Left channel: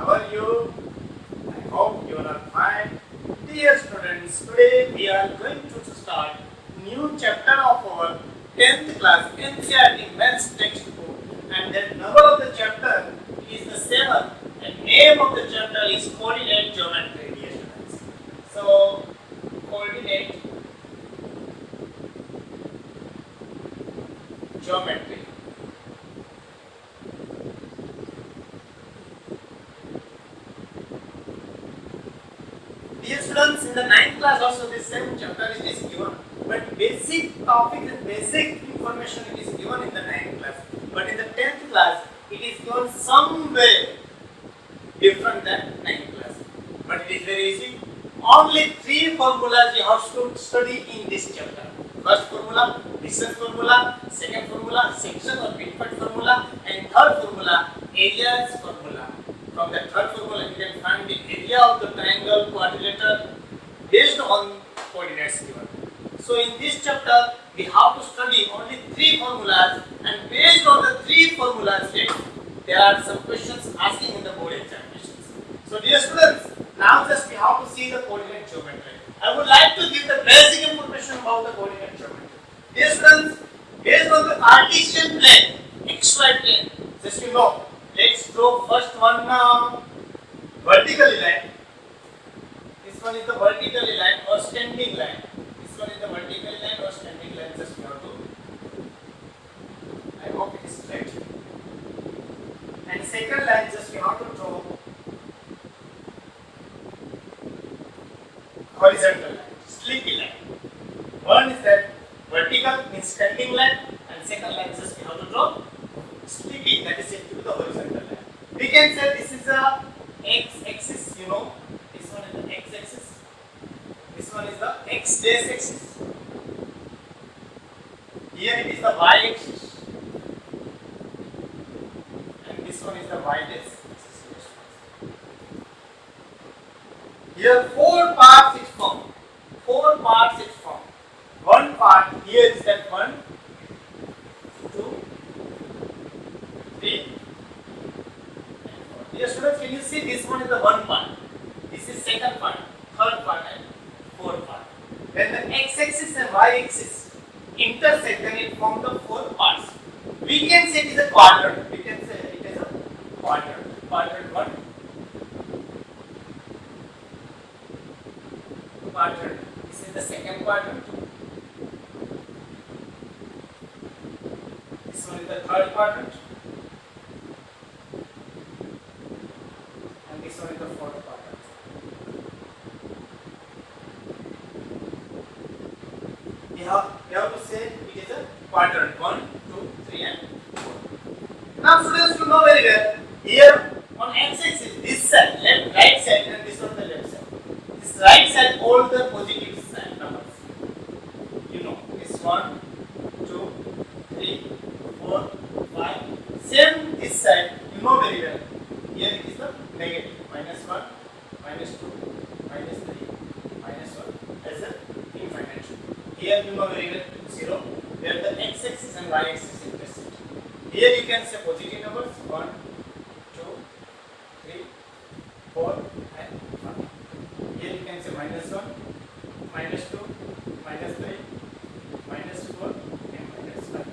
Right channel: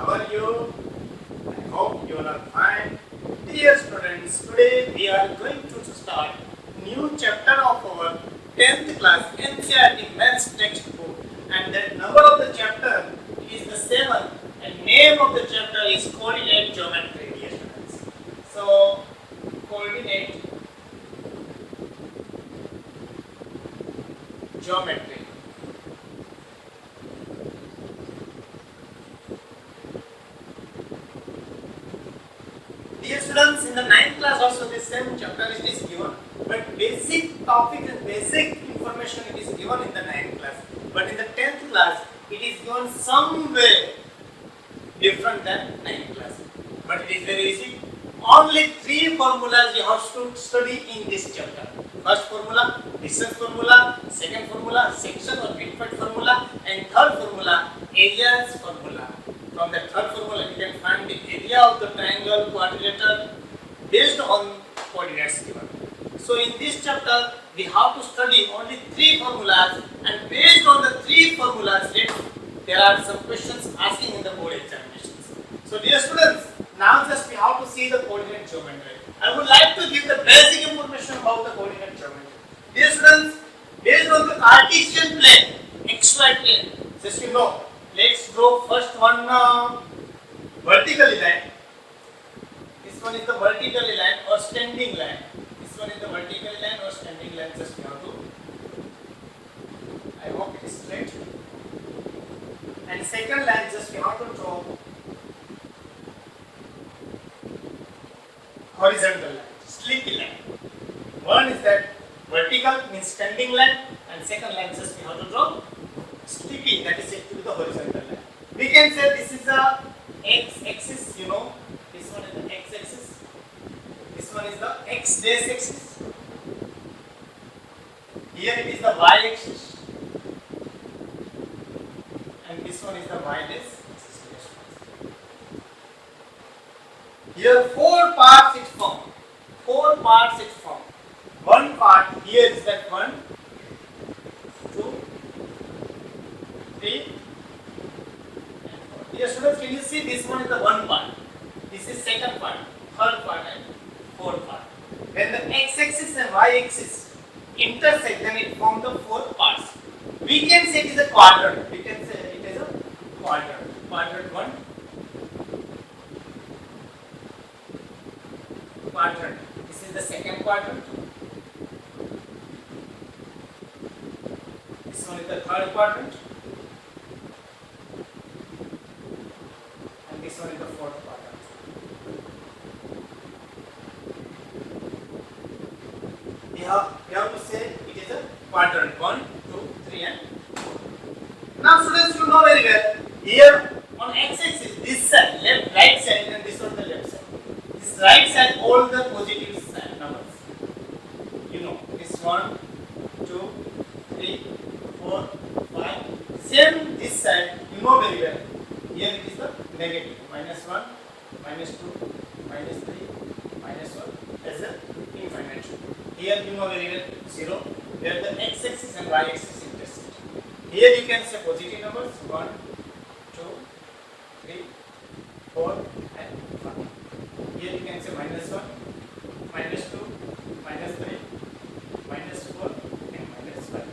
How are you? I hope you are fine. Dear students, today we are going to start new chapter of our 10th class NCERT Maths textbook, and the number of the chapter is the 7th, and name of the chapter is Coordinate Geometry, dear students. So, Coordinate Geometry. Dear students, in the 9th class also the same chapter it is given, but basic topic and basic information it is given in the 9th class. But in the 10th class, it is given some way different than 9th class. But it is very easy. Only 3 formulas you have to study in this chapter. First formula, distance formula, second formula, section or midpoint formula, and third formula, areas formula. From the third formula, you can find the area of the triangle, quadrilateral based on coordinates given. So in this chapter, we have to study only 3 formulas, and based on the 3 formulas, there are some questions asking in the board examinations. So dear students, now just we have to see the coordinate geometry. I would like to give the basic information about the coordinate geometry. Dear students, based on the Cartesian plane, xy plane, just you know, let's draw first one vertically line. This one is the vertically line or standing line. This one is the vertical line or standing line. Just you have to. I hope it is straight. And second line, just you have to draw horizontal line, slinky line. One is that vertical means standing line, and second line just you have to draw slinky, that is said to be the horizontal line. We can say this is a x-axis, you know. This one is the x-axis. This one is the x-dash axis. Here it is the y-axis, and this one is the y-dash axis. Here 4 parts it forms. 4 parts it forms. One part here is that 1, 2, 3, and 4. Dear students, can you see this one is the one part? This is second part, third part, and fourth part. When the x-axis and y-axis intersect, then it forms the 4 parts. We can say it is a quadrant. We can say it is a quadrant. Quadrant 1. Quadrant. This is the second quadrant. This one is the third quadrant. And this one is the fourth quadrant. We have to say it is a quadrant 1, 2, 3, and 4. Now students, you know very well, here on x-axis, this side, left, right side, and this one the left side. This right side, all the positive side numbers. You know, this 1, 2, 3, 4, 5. Same this side, you know very well. Here it is the negative. -1, -2, -3, -1 as a infinite. Here you know very well 0, where the x-axis and y-axis intersect. Here you can say positive numbers 1, 2, 3, 4, and 5. Here you can say -1, -2, -3, -4, and -5.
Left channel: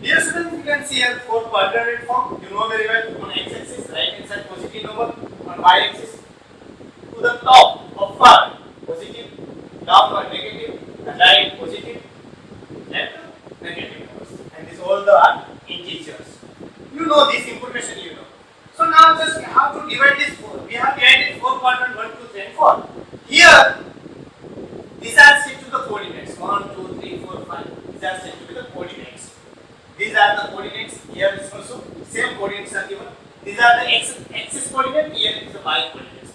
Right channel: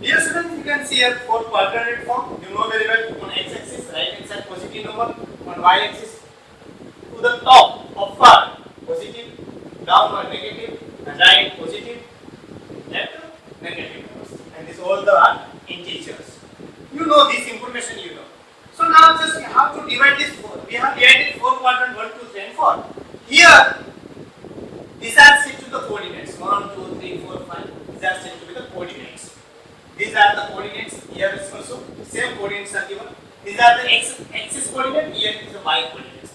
Dear students, you can see here 4 quadrant form. You know very well, on x-axis, right hand side positive number, on y-axis to the top of part positive, downward negative, and right positive, left negative numbers. And these all the are integers. You know this information, you know. So now just we have to divide this 4. We have divided 4 quadrant 1, 2, 3, and 4. Here, these are set to the coordinates 1, 2, 3, 4, 5. These are set to be the coordinates. These are the coordinates. Here is also same coordinates are given. These are the axis coordinate. Here is the y coordinates.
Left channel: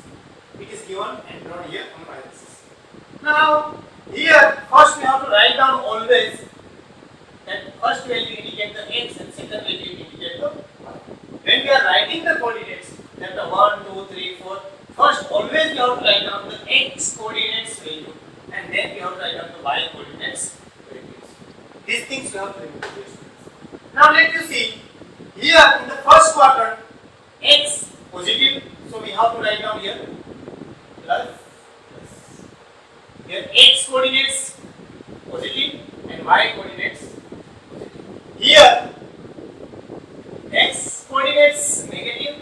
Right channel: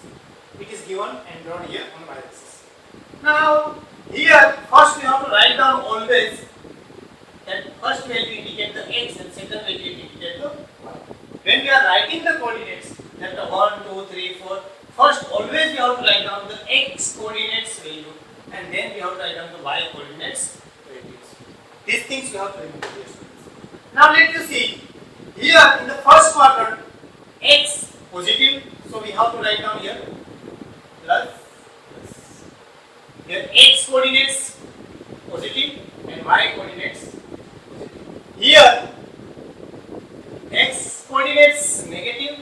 It is given and drawn here on y axis. Now here first we have to write down always that first we have to indicate the x and second we have to indicate the y. When we are writing the coordinates, that the 1, 2, 3, 4, first always we have to write down the x coordinates value, and then we have to write down the y coordinates values. These things we have to remember. Now let you see here in the first quadrant, x positive, have to write down here plus. Here x coordinates positive and y coordinates positive. Here x coordinates negative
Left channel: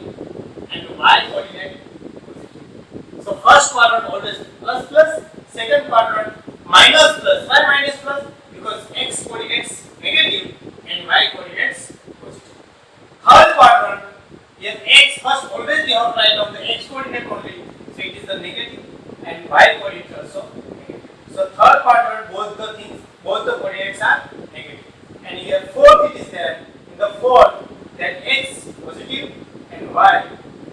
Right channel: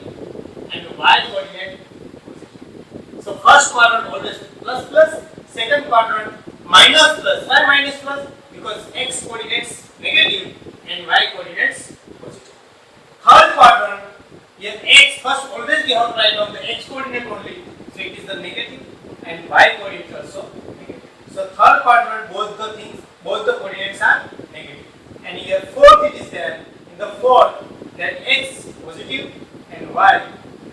and y coordinate positive. So first quadrant always plus plus, second quadrant minus plus. Why minus plus? Because x coordinates negative and y coordinates positive. Third quadrant, here x first always we have to write down the x coordinate only, so it is the negative and y coordinate also negative. So third quadrant both the coordinates are negative. And here fourth it is there. In the fourth that x positive and y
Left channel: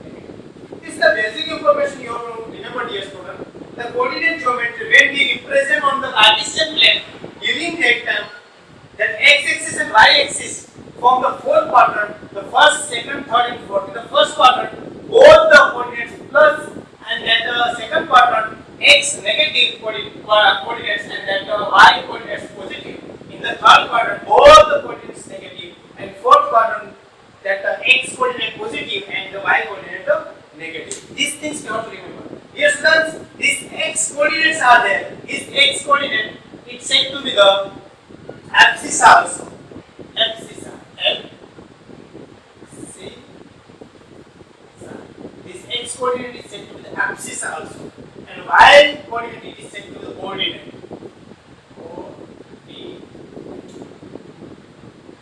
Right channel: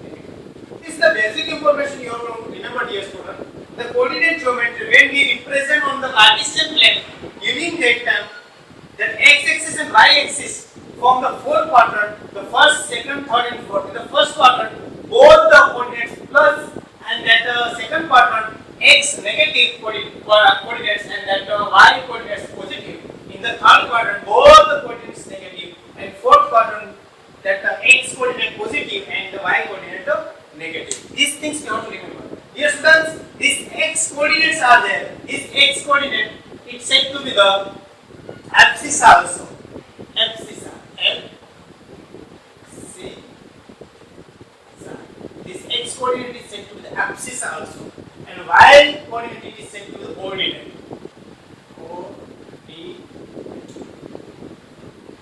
negative. This is the basic information you have to remember, dear student. The coordinate geometry, when we represent on the Cartesian plane during that time, that x-axis and y-axis form the fourth quadrant, the first, second, third and fourth. In the first quadrant, both the coordinates plus, and that second quadrant x negative coordinates and that y coordinates positive. In the third quadrant, both the coordinates negative, and fourth quadrant that x coordinate positive and the y coordinate negative. These things you have to remember. Dear students, these x coordinates are there. This x coordinate is said to be the abscissa also. Abscissa. This x coordinate is said to be the abscissa also. And y coordinate is said to be the ordinate.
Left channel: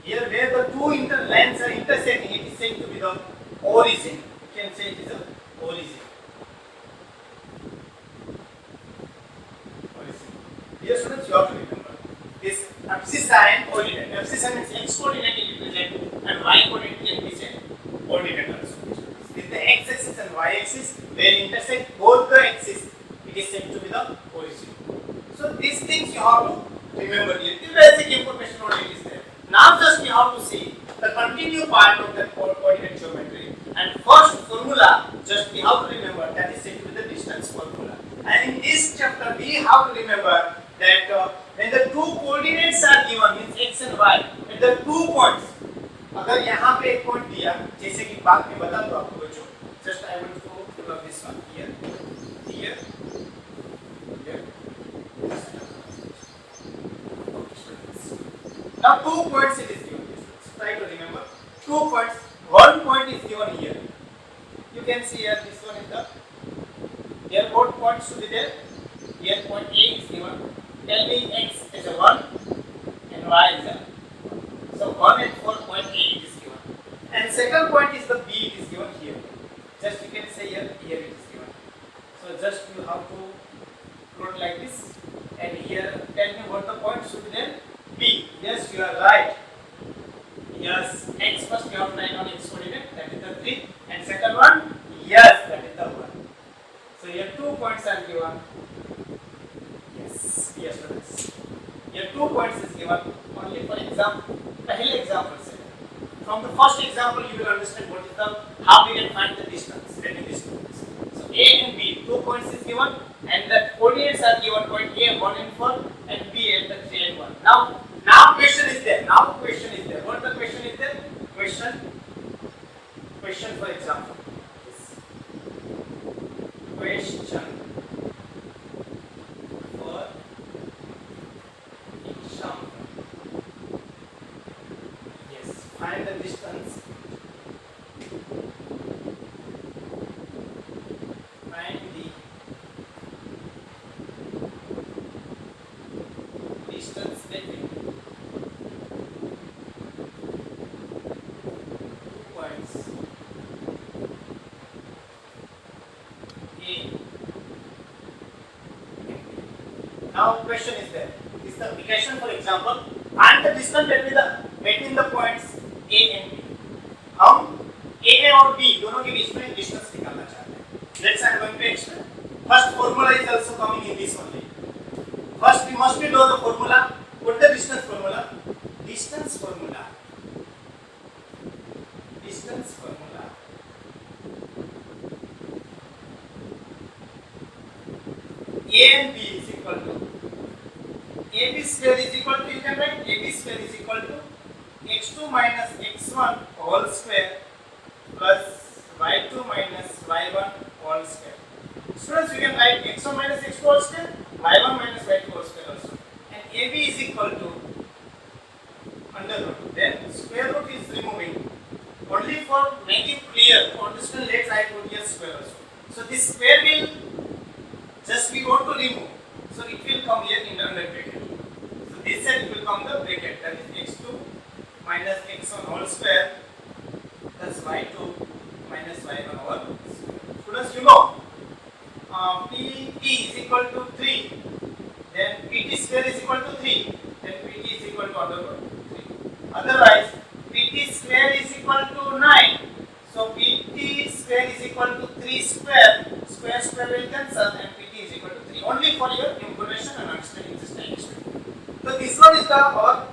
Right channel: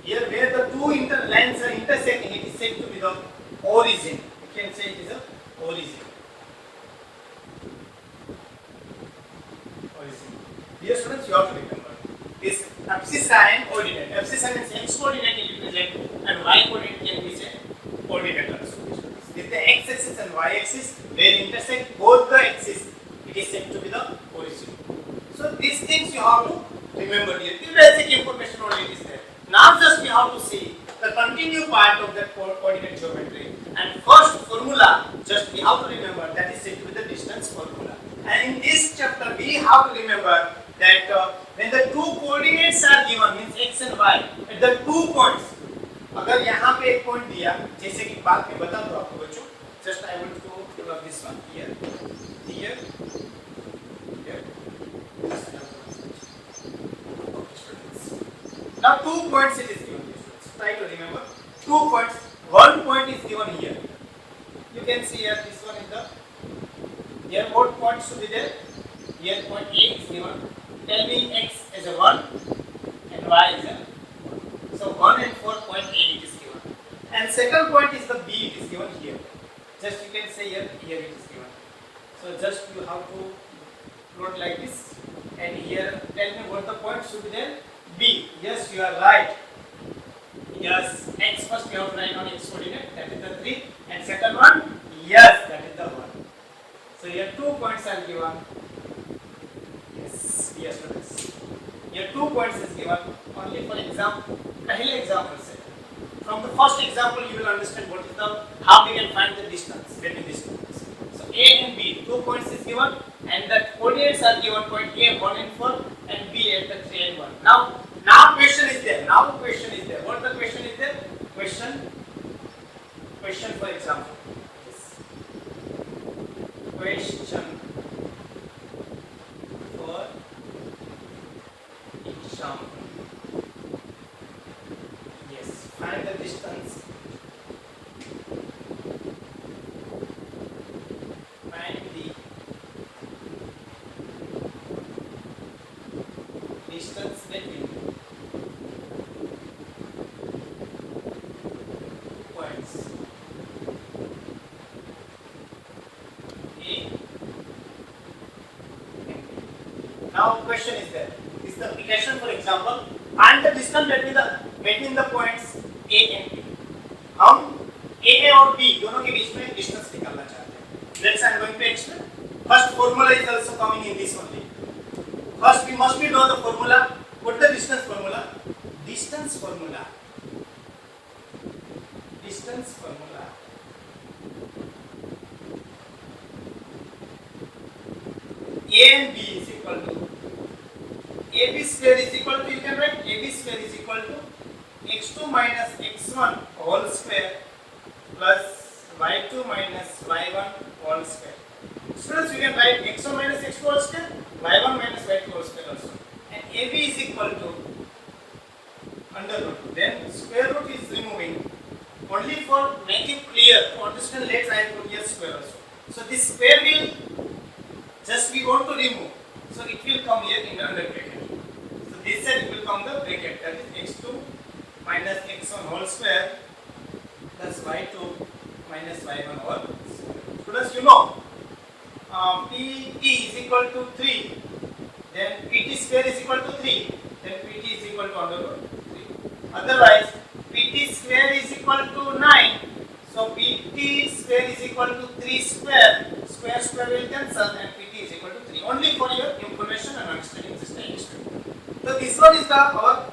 Here where the two lines are intersecting, it is said to be the origin. You can say it is the origin. Dear students, you have to remember this abscissa and ordinate. Abscissa means x coordinate is represented and y coordinate can be said ordinate also. With the x-axis and y-axis where intersect both the axes, it is said to be the origin. So these things you have to remember here. The basic information only is there. Now just we have to see the continued part of the coordinate geometry. And first formula just we have to remember, that is said to be the distance formula. And in this chapter we have to remember that when the two coordinates are given, means x and y, at the 2 points, अगर यहाँ पे एक point दिया, जैसे कि बाद में बता दो आपको बच्चों, just I want to give up this one here, here, here. Now 2 points it is given. Try to remember 2 points. 1 point is given here. You can see here this one is the. Here what points should be there? Here point A is given. Tell me x is a 1 and y is a. So 1 and 4 point A it is given. And second point is the B, it is given here. Just you can say here it is given. So just you have to plot like this. And here tell me what the point should be there. B. Yes, you are right. Yes, x first you have to write on x coordinate, that is the 3. And second one, yes, that is the 1. So here 2 points are given. Yes, students. Here 2 points is given. Only for example, example set. From the first example, you will understand what is the how we can find the distance between these points. So A and B, 2 points is given, and the coordinates are given point A 1 and 4, and B at the 3 and 1. Now question is there. What the question is there? Question for example. Question for example. Yes, find the distance. Find the distance between points A and B. Now question is there. This is the application for example. Find the distance between the points A and B. हम A और B दोनों के बीच में distance निकालना चाहते हैं. Let's I'm going to explain. First formula is also coming in this only. First we must know the formula. What the distance formula? Distance formula. A and B is equal to AB square is equal to, you can write AB square is equal to x2 minus x1 whole square plus y2 minus y1 whole square. Students, you can write x1 minus x2 whole square, y1 minus y2 whole square also. And AB is equal to under root. Then square root is removing. Only for making clear, to understand, let's write over here square also. So this square will just we want to remove. So it will come here in the under bracket. So this side will come the bracket, that is x2 minus x1 whole square plus y2 minus y1 whole square. Students, you know PT is equal to 3, then PT square is equal to 3, then PT is equal to under root 3. Otherwise, PT square is equal to 9, so PT square is equal to 3 square, square will cancel and PT is equal to 3. Only for your information and understanding this time. So this one is our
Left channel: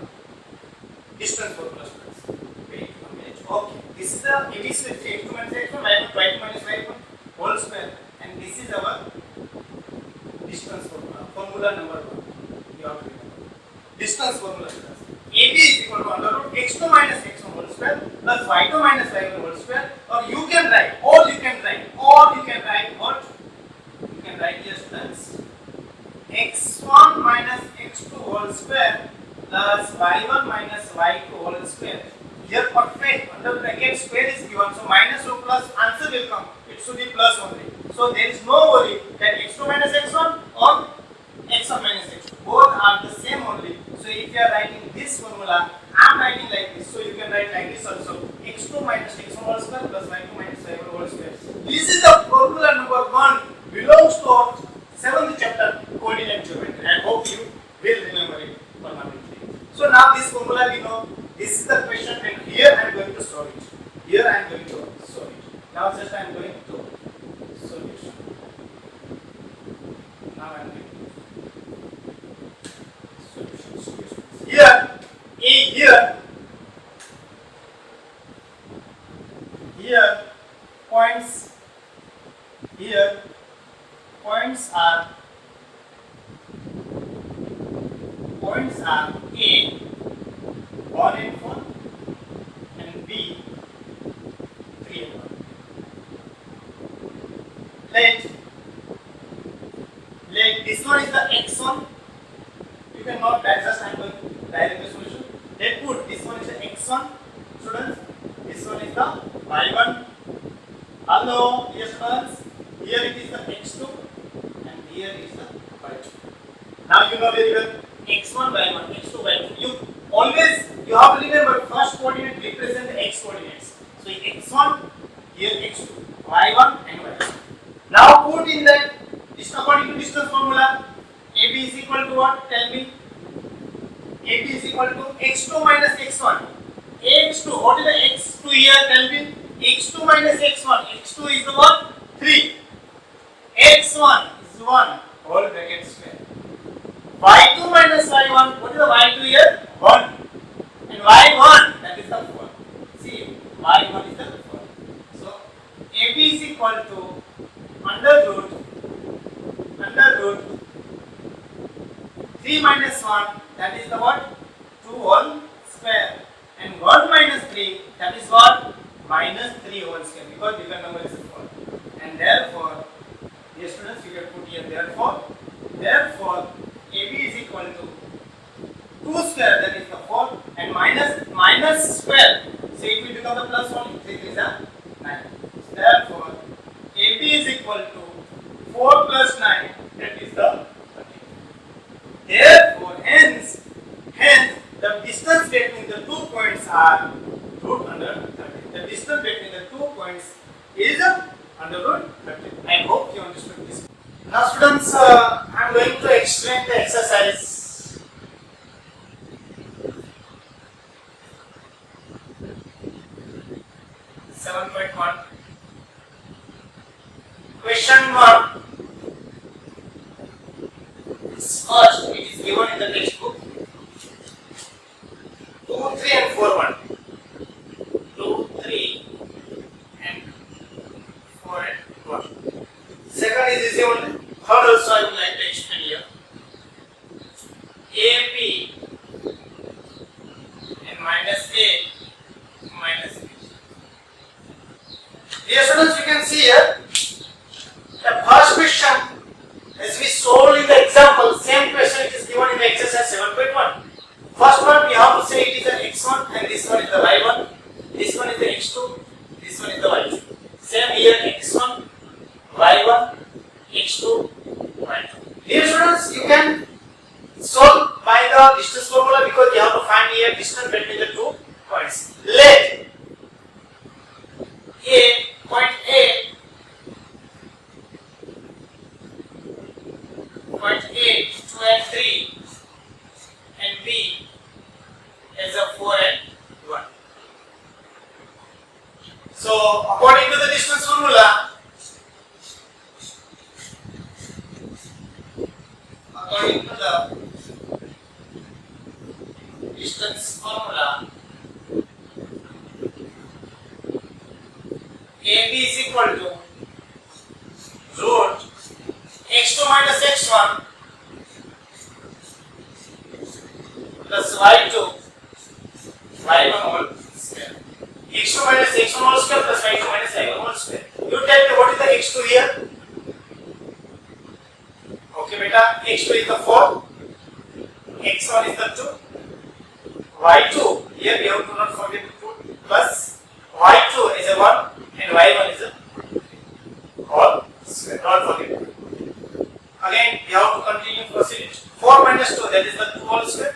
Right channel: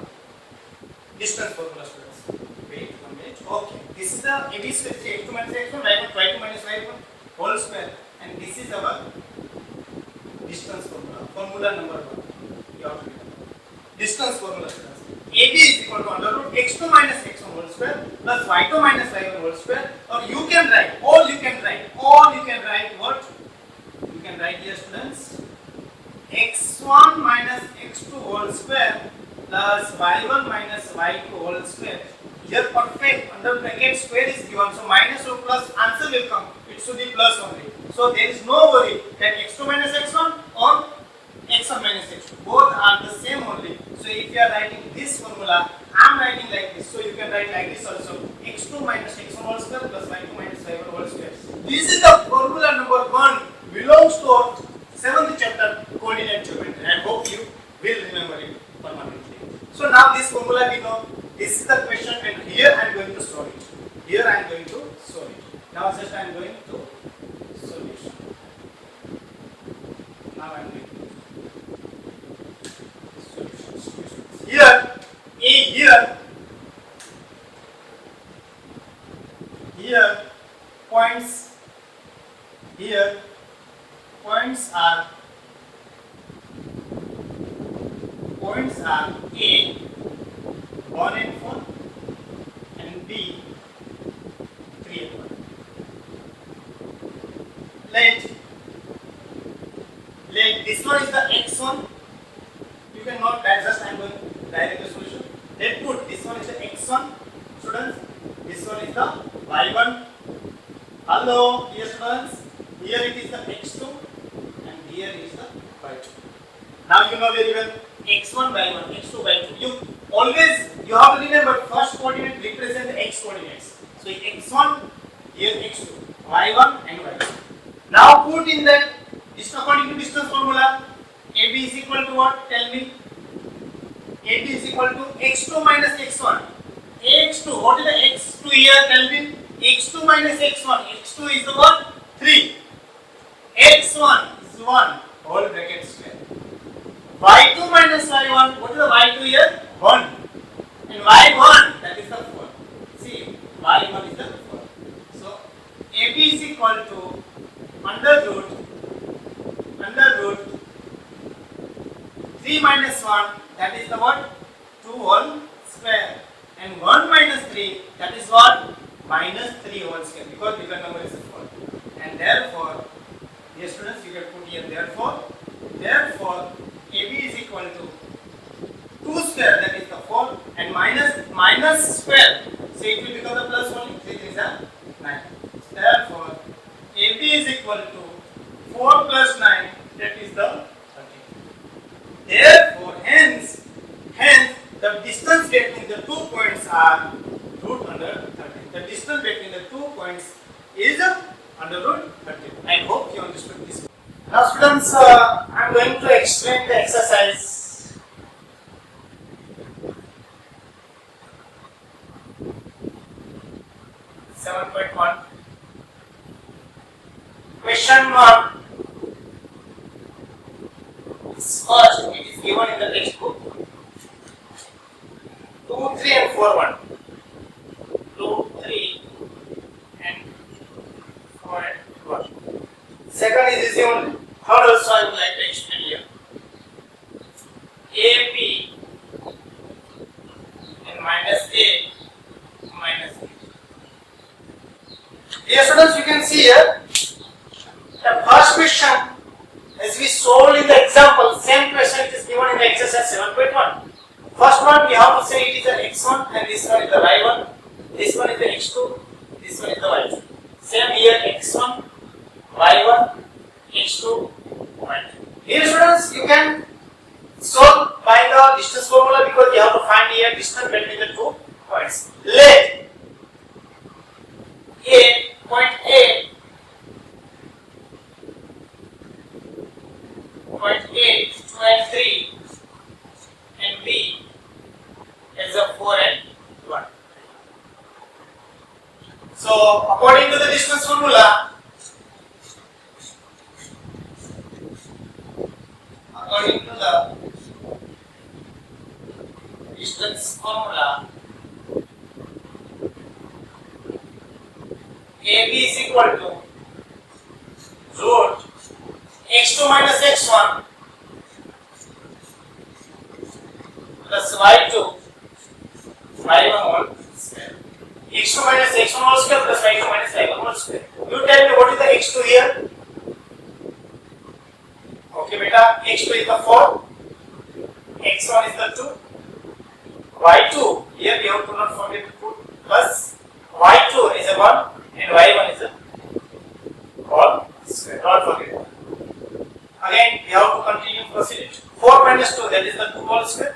distance formula, students. Wait a minute. Okay, this is the AB square, x2 minus x1, y2 minus y1 whole square, and this is our distance formula. Formula number 1. You have to remember. Distance formula, students. AB is equal to under root x2 minus x1 whole square plus y2 minus y1 whole square, or you can write what? You can write here, students, x1 minus x2 whole square plus y1 minus y2 whole square. Here perfect, under bracket square is given, so minus or plus answer will come. It should be plus only. So there is no worry that x2 minus x1 or x1 minus x2. Both are the same only. So if you are writing this formula, I am writing like this. So you can write like this also. x2 minus x1 whole square plus y2 minus y1 whole square. This is the formula number 1, belongs to 7th chapter coordinate geometry. I hope you will remember it permanently. So now this formula we know. This is the question, and here I am going to solve it. Now just I am going to solution. Now I am going to solution. Here points are A 1 and 4 and B 3 and 1. Let this one is the x1. You can not just I am going direct the solution. Let put this one is the x1, students. This one is the y1. Hello, yes students. Here it is the x2 and here is the y2. Now you know very well x1 y1, x2 y2. You have to remember first coordinate represent the x coordinates. So x1, here x2, y1 and y2. Now put in that, according to distance formula, AB is equal to what? Tell me. AB is equal to x2 minus x1. x2, what is the x2 here? Tell me. x2 minus x1. x2 is the what? 3. x1 is 1. Whole bracket square. y2 minus y1. What is the y2 here? 1. And y1, that is the 4. See, y1 is the 4. So, AB is equal to under root 3 minus 1, that is the what? 2 whole square. And 1 minus 3, that is what? Minus 3 whole square, because bigger number is 4. And therefore, dear students, you can put here therefore AB is equal to 2 square, that is the 4, and minus square, so it will become the plus only, 3 is a 9. So therefore, AB is equal to 4 plus 9, that is the 13. Therefore, hence, the distance between the 2 points are root under 13. The distance between the 2 points is under root 13. I hope you understood this. Now students, I am going to explain the exercise. (7.1). Question mark. First, it is given in the textbook. 2, 3 and 4, 1. 2, 3 and 4 and 1. Second is easy only. Third also I would like to explain here. AB and minus A minus B. Here students, you can see here The first question, as we solved in the example, same question it is given in the exercise 7.1. First one we have to say it is the x1 and this one is the y1, this one is the x2, this one is the y2. Same here x1, y1, x2, y2. Dear students, you can solve by the distance formula because you have to find here distance between the two points. Let point A 2 and 3 and B is a 4 and 1. So according to the distance formula, AB is equal to root x2 minus x1 plus y2 y1 whole square. x2 minus x1 whole square plus y2 minus y1 whole square. You tell me what is the x2 here? Okay, beta, x2 is the 4, x1 is the 2, y2 here we have to not forget to put plus y2 is a 1 and y1 is a whole square. Not forget. Again, we have to continue proceed. 4 minus 2, that is the 2 whole square.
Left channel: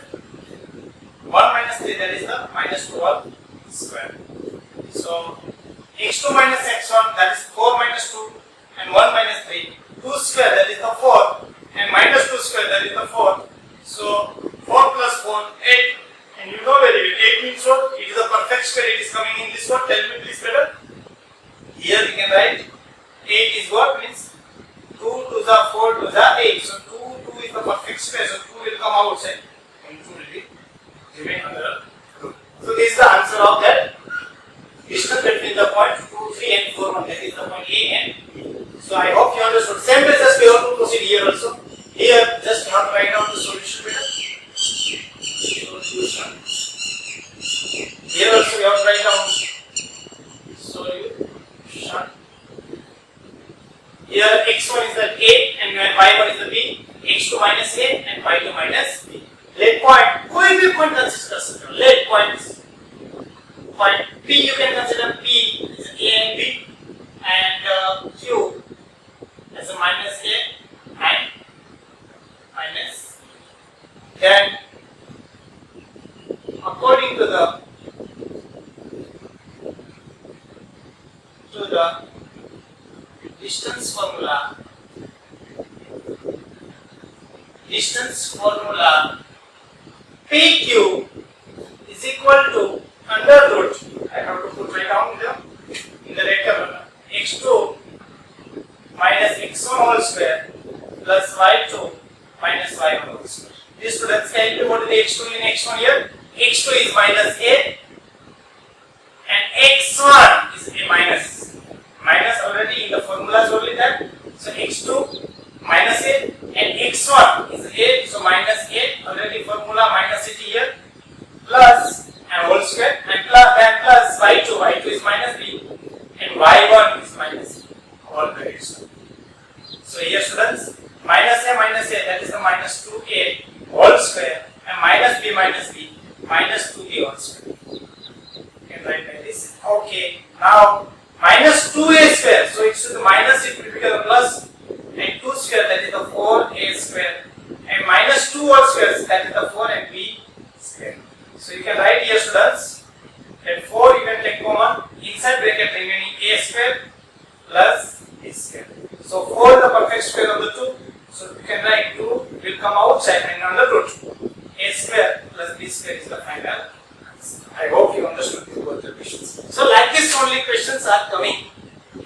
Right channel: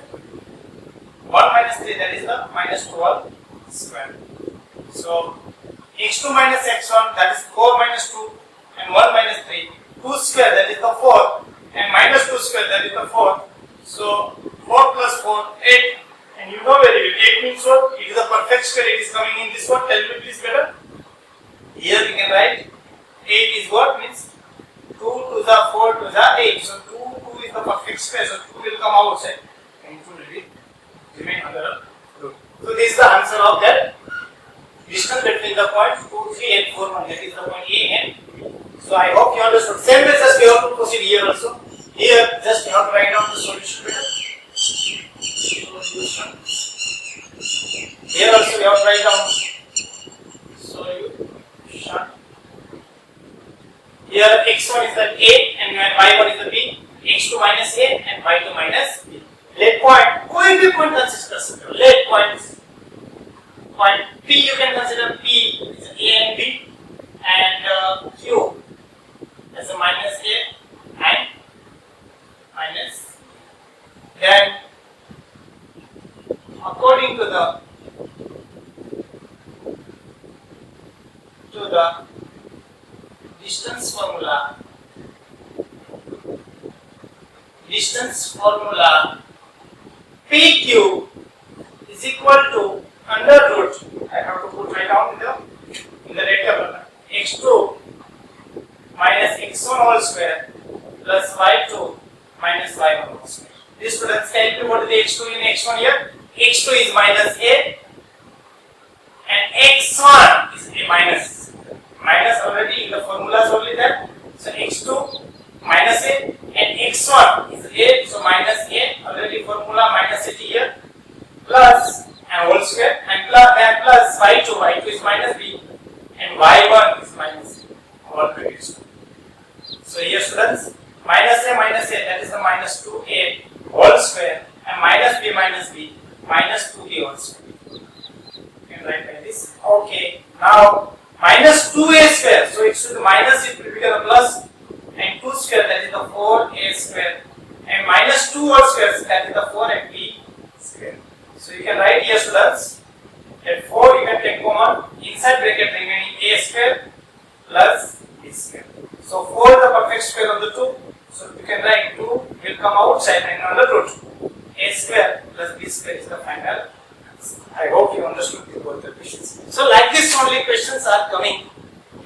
1 minus 3, that is the minus 2 whole square. So, x2 minus x1, that is 4 minus 2 and 1 minus 3. 2 square, that is the 4 and minus 2 square, that is the 4. So, 4 plus 4, 8. And you know very well, 8 means what? It is a perfect square, it is coming in this one. Tell me please better. Here we can write 8 is what? Means 2 to the 4 to the 8. So 2 is the perfect square. So 2 will come outside and 2 will be remain under 2. So this is the answer of that distance between the point 2, 3 and 4, 1. That is the point A and B. So I hope you understood. Same way just we have to proceed here also. Here just you have to write down the solution better. Solution. Here also we have to write down solution. Here x1 is the A and y1 is the B, x2 minus A and y2 minus B. Let point, कोई भी point consider सकते हो. Let points. Point P you can consider P is A and B and Q as a minus A and minus. Then according to the distance formula PQ is equal to under root, I have to put right down in the rectangle, x2 minus x1 whole square plus y2 minus y1 whole square. These students can do what is the x2 in x1 here? x2 is minus a and x1 is a minus. Minus already in the formulas only that. So x2 minus a and x1 is a, so minus a already formula minus it here plus and whole square and plus y2 is minus b and y1 is minus b all brackets. So here students minus a that is the minus 2a whole square and minus b minus 2b whole square. You can write like this. Okay, now minus 2a square, so it should minus it will become a plus and 2 square that is the 4a square and minus 2 whole square that is the 4 and b square. So you can write here students that 4 you can take common inside bracket remaining a square plus b square. So 4 the perfect square of the 2, so you can write 2 will come outside and under root a square plus b square is the final answer. I hope you understood both the questions. So like this only questions are coming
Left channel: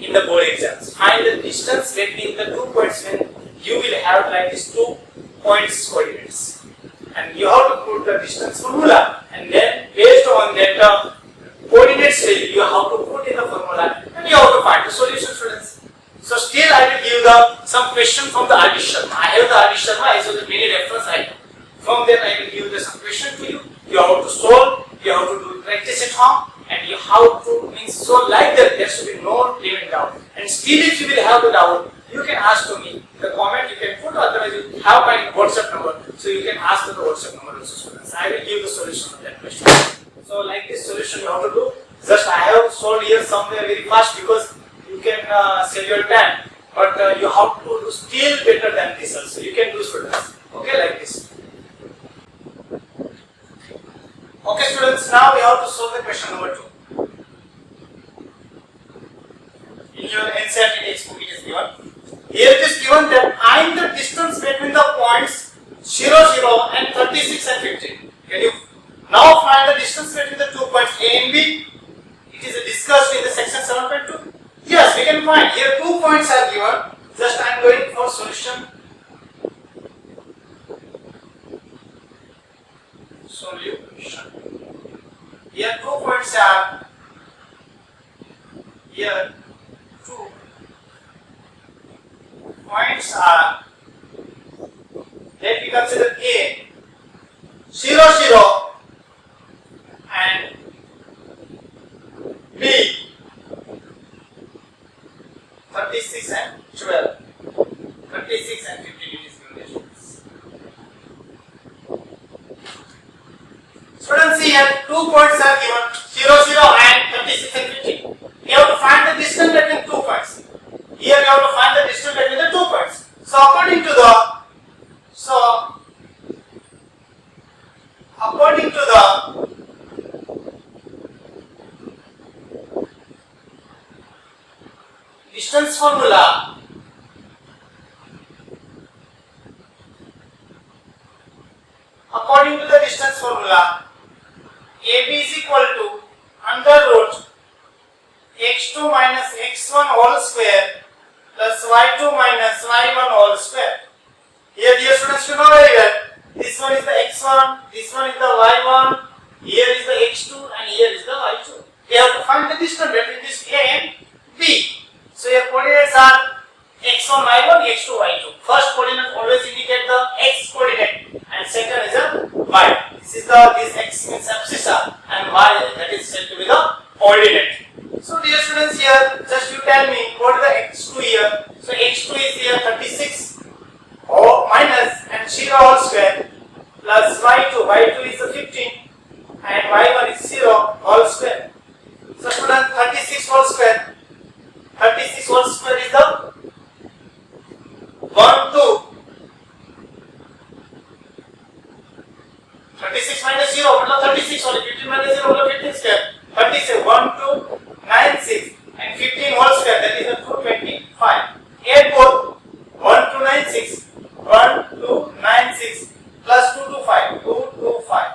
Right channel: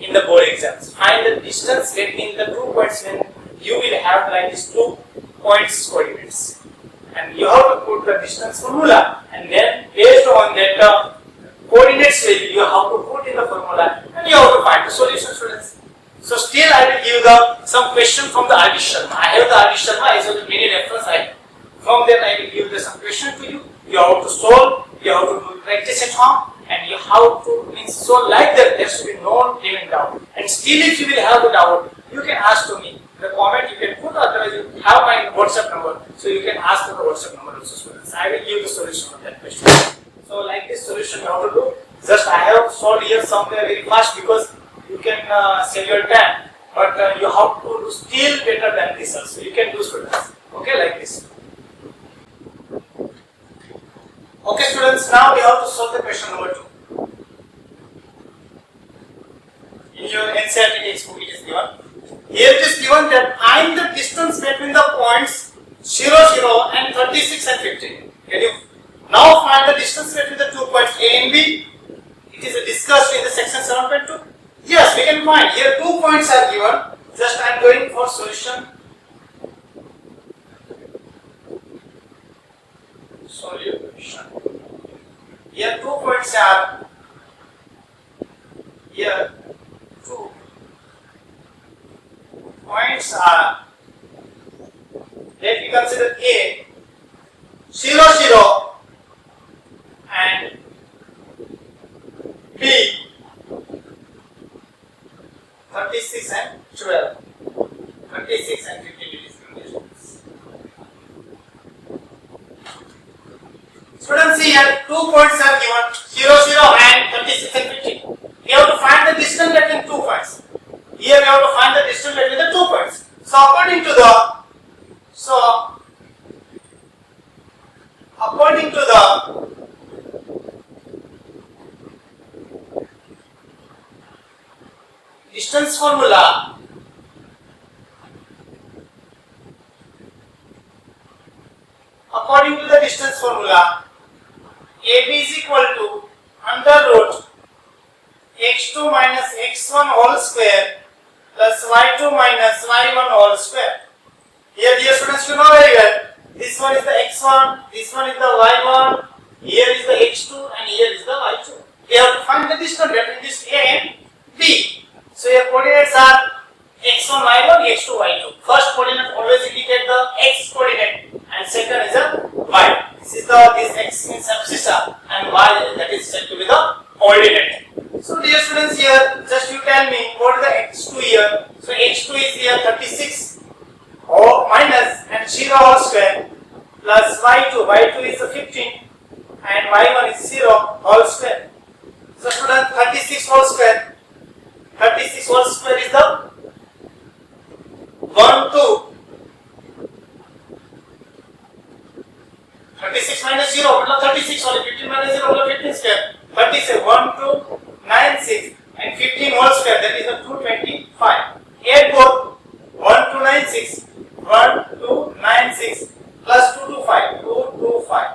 in the board exams. Find the distance between the 2 points when you will have like these 2 points coordinates. And you have to put the distance formula and then based on that coordinates value you have to put in the formula and you have to find the solution students. So still I will give some question from the R.D. Sharma. I have the R.D. Sharma as well as many reference I have. From there I will give some question to you. You have to solve, you have to do practice at home and you have to so like that there should be no limit doubt. And still if you will have the doubt, you can ask to me. The comment you can put, otherwise you have my WhatsApp number, so you can ask to the WhatsApp number also, students. I will give the solution of that question. So like this solution you have to do. Just I have solved here somewhere very fast because you can save your time, but you have to do still better than this also. You can do, students. Okay, like this. Okay, students. Now we have to solve the question number 2. In your NCERT textbook it is given. Here it is given that find the distance between the points 0, 0 and 36 and 15. Can you now find the distance between the 2 points A and B? It is discussed in the section 7.2. Yes, we can find. Here 2 points are given. Just I am going for solution. Solution. Here 2 points are here. 2 points are, let me consider A 0, 0 and B 36 and 12. 36 and 15 it is given. Students, here 2 points are given 0, 0 and 36 and 15. We have to find the distance between 2 points. Here we have to find the distance between the 2 points. So according to the distance formula, AB is equal to under root x2 minus x1 whole square plus y2 minus y1 whole square. Here dear students, you know very well, this one is the x1, this one is the y1, here is the x2 and here is the y2. We have to find the distance between this A and B. So your coordinates are x1, y1, x2, y2. First coordinate always indicate the x coordinate and second is a y. This x means abscissa and y that is said to be the ordinate. So dear students, here just you tell me what is the x2 here. So x2 is here 36 or minus and 0 whole square plus y2 is the 15 and y1 is 0 whole square. So students, 36 whole square is the 1, 2. 36 minus 0, 36 only, 15 minus 0, 15 square. 36, 1, 2, 9, 6 and 15 whole square, that is the 225. Add both 1, 2, 9, 6, 1, 2, 9, 6 plus 2, 2, 5, 2, 2, 5.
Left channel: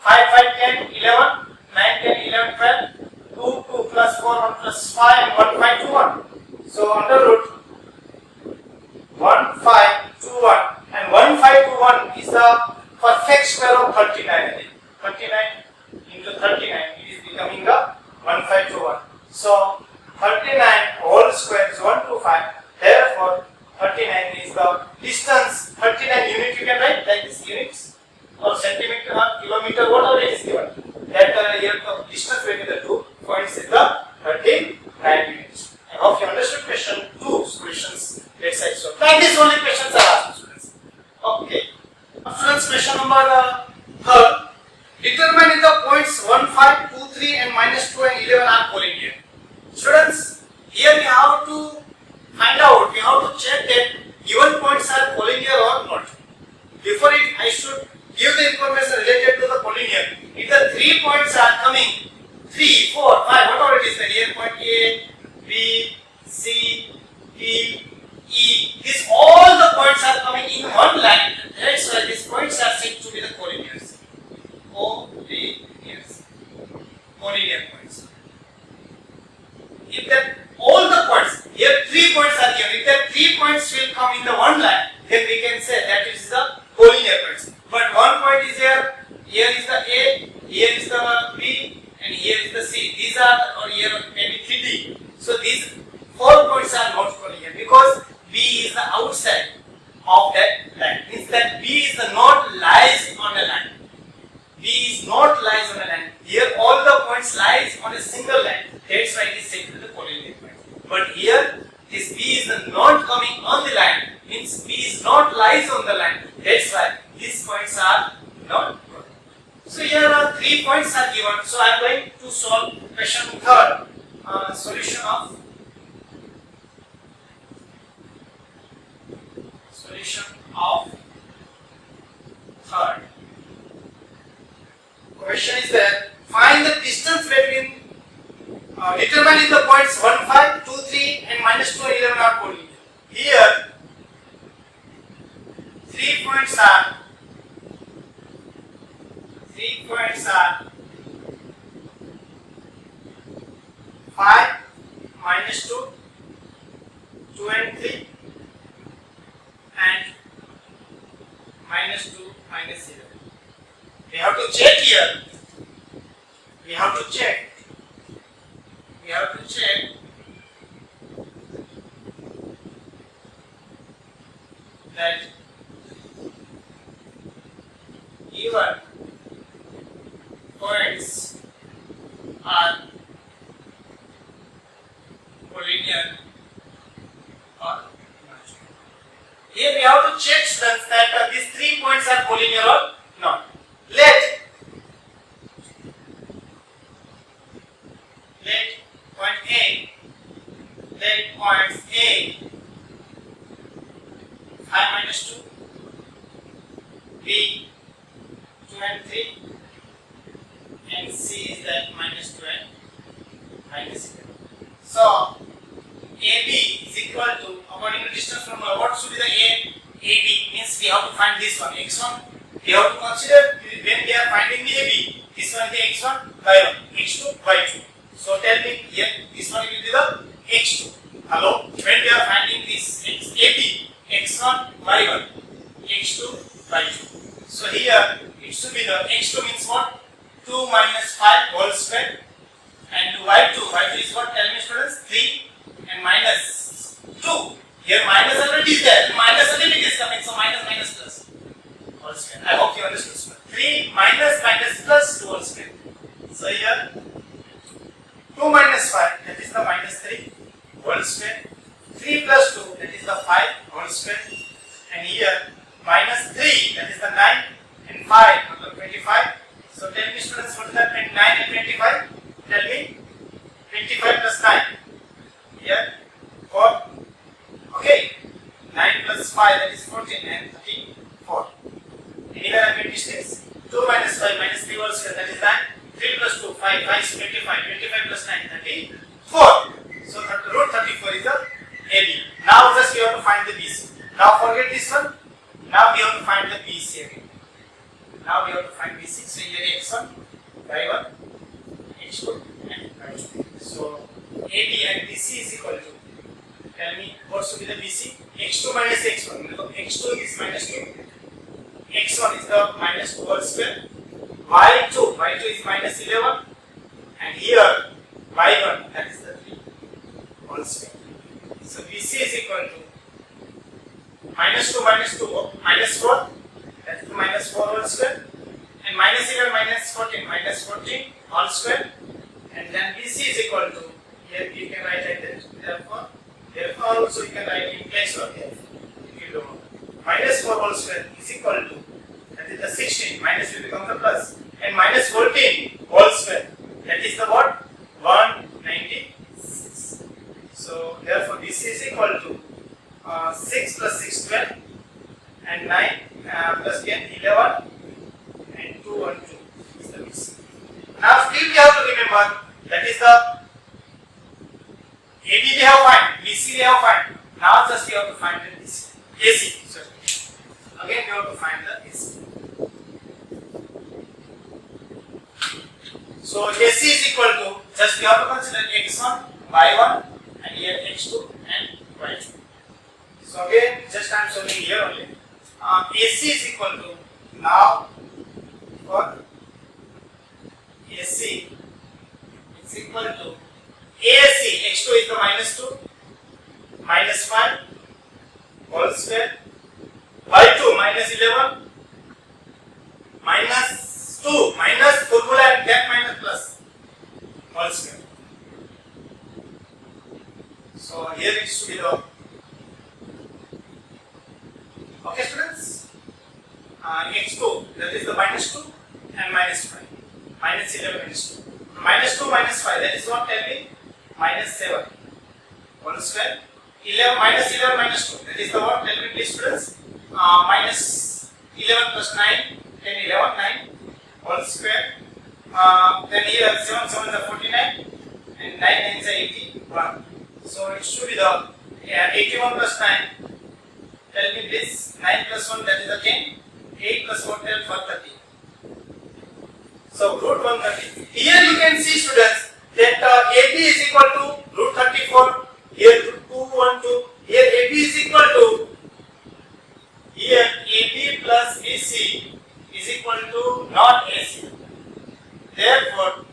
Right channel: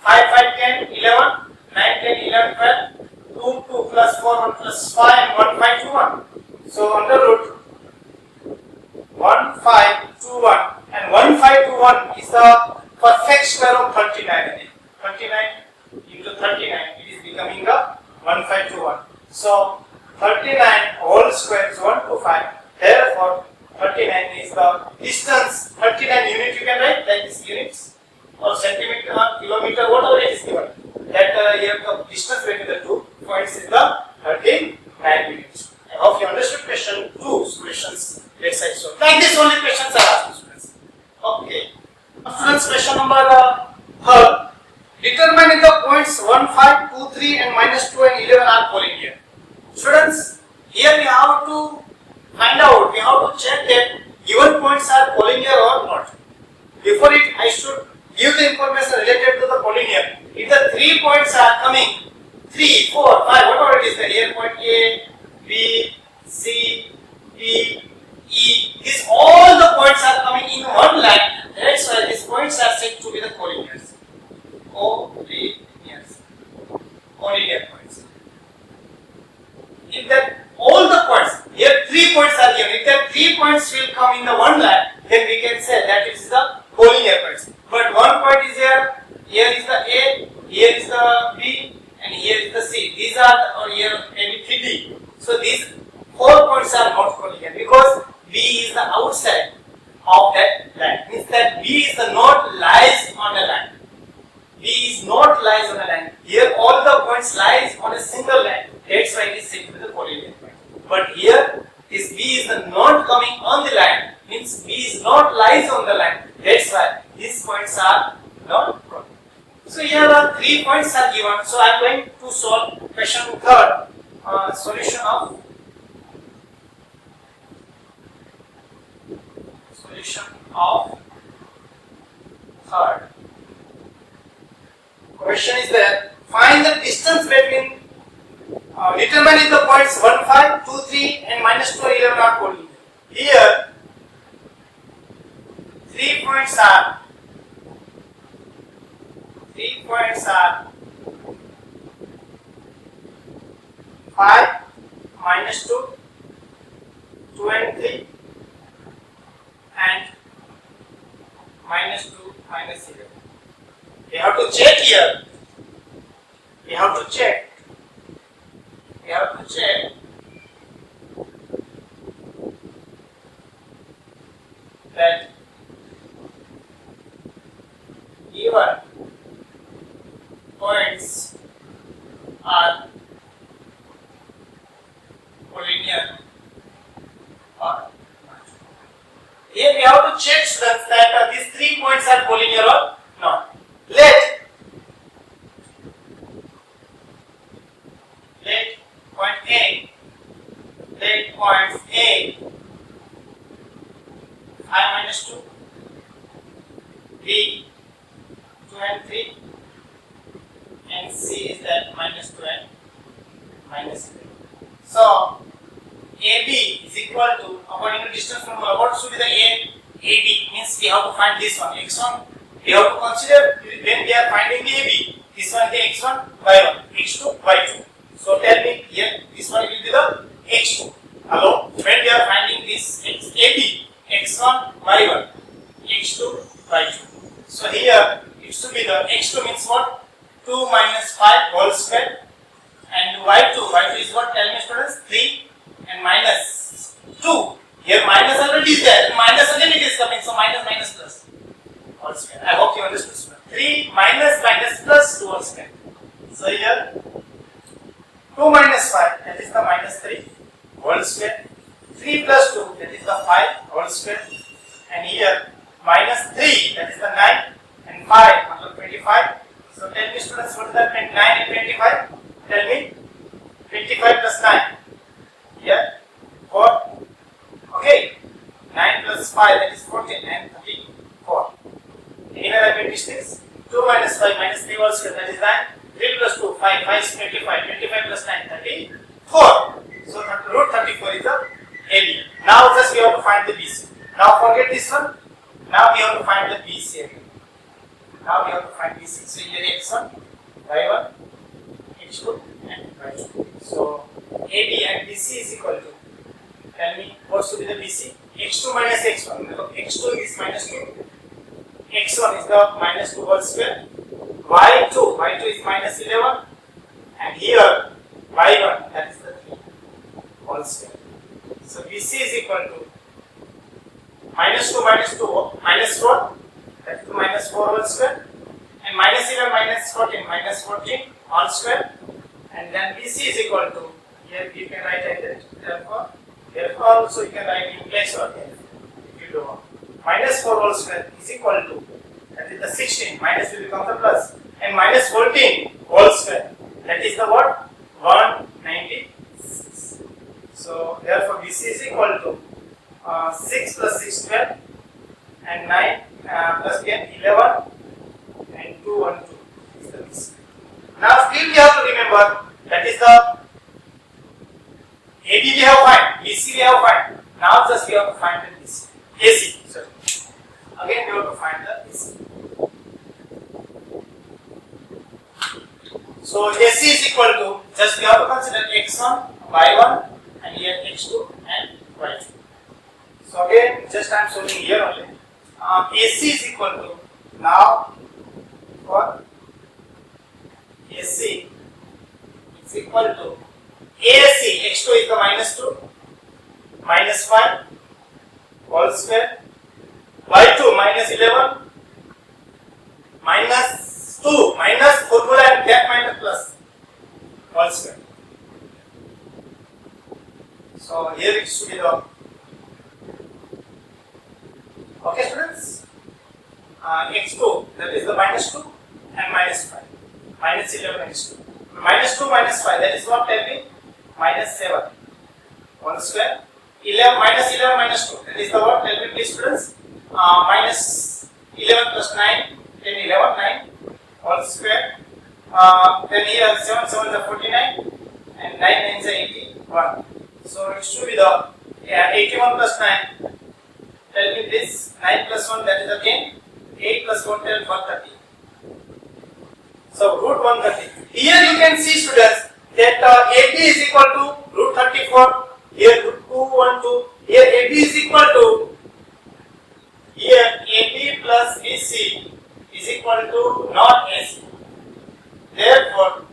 5, 5, 10, 11, 9, 10, 11, 12, 2, 2 plus 4, 1 plus 5 and 1, 5, 2, 1. So under root 1, 5, 2, 1 and 1, 5, 2, 1 is the perfect square of 39. 39 into 39, it is becoming the 1, 5, 2, 1. So 39 whole square is 125. Therefore 39 is the distance. 39 unit you can write like this, units or centimeter or kilometer, whatever it is given. That here the distance between the 2 points is the 39 units. I hope you understood question 2 solutions. Let's say so. Like this only questions are asked, students. Okay. Students, question number 3. Determine if the points 1, 5, 2, 3 and minus 2 and 11 are collinear. Students, here we have to find out, we have to check that given points are collinear or not. Before it, I should give the information related to the collinear. If the 3 points are coming, 3, 4, 5, whatever it is, the here point A, B, C, D, E, these all the points are coming in one line. That's why these points are said to be the collinears. Collinear points. If that all the points, here 3 points are given, if that 3 points will come in the one line, then we can say that it is the collinear points. But one point is here, here is the A, here is the B, and here is the C. These are, or here maybe 3D. So these 4 points are not collinear because B is the outside of that line. Means that B is the node lies on a line. B is not lies on a line. Here all the points lies on a single line. That's why it is said to be the collinear point. But here this B is the not coming on the line, means B is not lies on the line. That's why these points are not prominent. So here are 3 points are given. So I am going to solve question third. Solution of third. Question is there. Find the distance between determine the points 1, 5, 2, 3 and minus 2 and 11 are collinear. Here 3 points are 5, minus 2, 2 and 3 and minus 2, minus 11. We have to check here. We have to check that even points are collinear or not. Here we have to check students that these 3 points are collinear or not. Let points A 5 minus 2, B 2 and 3, and C is that minus 2 and minus 11. So AB is equal to, according to distance from what should be the AB, means we have to find this one x1. We have to consider when we are finding the AB, this one is the x1, y1, x2, y2. So tell me here, this one will be the x2. Hello, when we are finding this AB, x1, y1, x2, y2. So here it should be the x2 means what? 2 minus 5 whole square, and y2 is what? Tell me students, 3 and minus 2. Here minus already is there, minus and limit is coming, so minus plus whole square. I hope you understood. 3 minus plus 2 whole square. So here 2 minus 5, that is the minus 3 whole square. 3 plus 2, that is the 5 whole square. And here minus 3, that is the 9, and 5, 25. So tell me students, what is that 9 and 25? Tell me. 25 plus 9. Here 4. Okay. 9 plus 5, that is 14, and 34. Anywhere I made mistakes? 2 minus 5 minus 3 whole square, that is 9. 3 plus 2, 5, 5 is 25, 25 plus 9, 34. So root 34 is the AB. Now just we have to find the BC. Now forget this one. Now we have to find the BC again. Now we have to find BC. So here x1, y1, x2 and y2. So AB and BC is equal to, tell me what should be the BC? x2 minus x1. x2 is minus 2. x1 is the minus 2 whole square. y2 is minus 11. And here y1, that is the 3 whole square. So BC is equal to minus 2 minus 4, that is the minus 4 whole square, and minus 11 minus 14 whole square, and then BC is equal to, here you can write like that, therefore also you can write in place or here, if you don't know. Minus 4 whole square is equal to, that is the 16, minus will become the plus, and minus 14 whole square, that is the what? 196. So therefore BC is equal to 6 plus 6, 12, and 9 plus 10, 11, and 2, 1, 2 is the BC. Now still we have to remember, that is the AB we have find, BC we have find. Now just we have to find the BC. AC, sorry. Again we have to find the AC. So AC is equal to, just we have to consider x1, y1, and here x2 and y2. So again, just I am showing here only. AC is equal to, now for AC is equal to AC, x2 is the minus 2, minus 5 whole square, y2 minus 11, minus 2, minus formula and that minus plus whole square. So here it should be the Okay, students. X2, that is the minus 2 and minus 5. Minus 11 minus 2. Minus 2 minus 5, that is what? Tell me. Minus 7. 1 square. 11 minus 11 minus 2. That is the what? Tell me please, students. Minus 11 plus 9. 10, 11, 9. 1 square. Then here 7, 7 is the 49. And 9, 9 is the 81. So it should be the 81 plus 9. Tell me please. 9 plus 1, that is the 10. 8 plus 1, 12, 130. So root 130. Here you can see, students, that AB is equal to root 34. Here root 212. Here AB is equal to, here AB plus BC is equal to not AC. Therefore,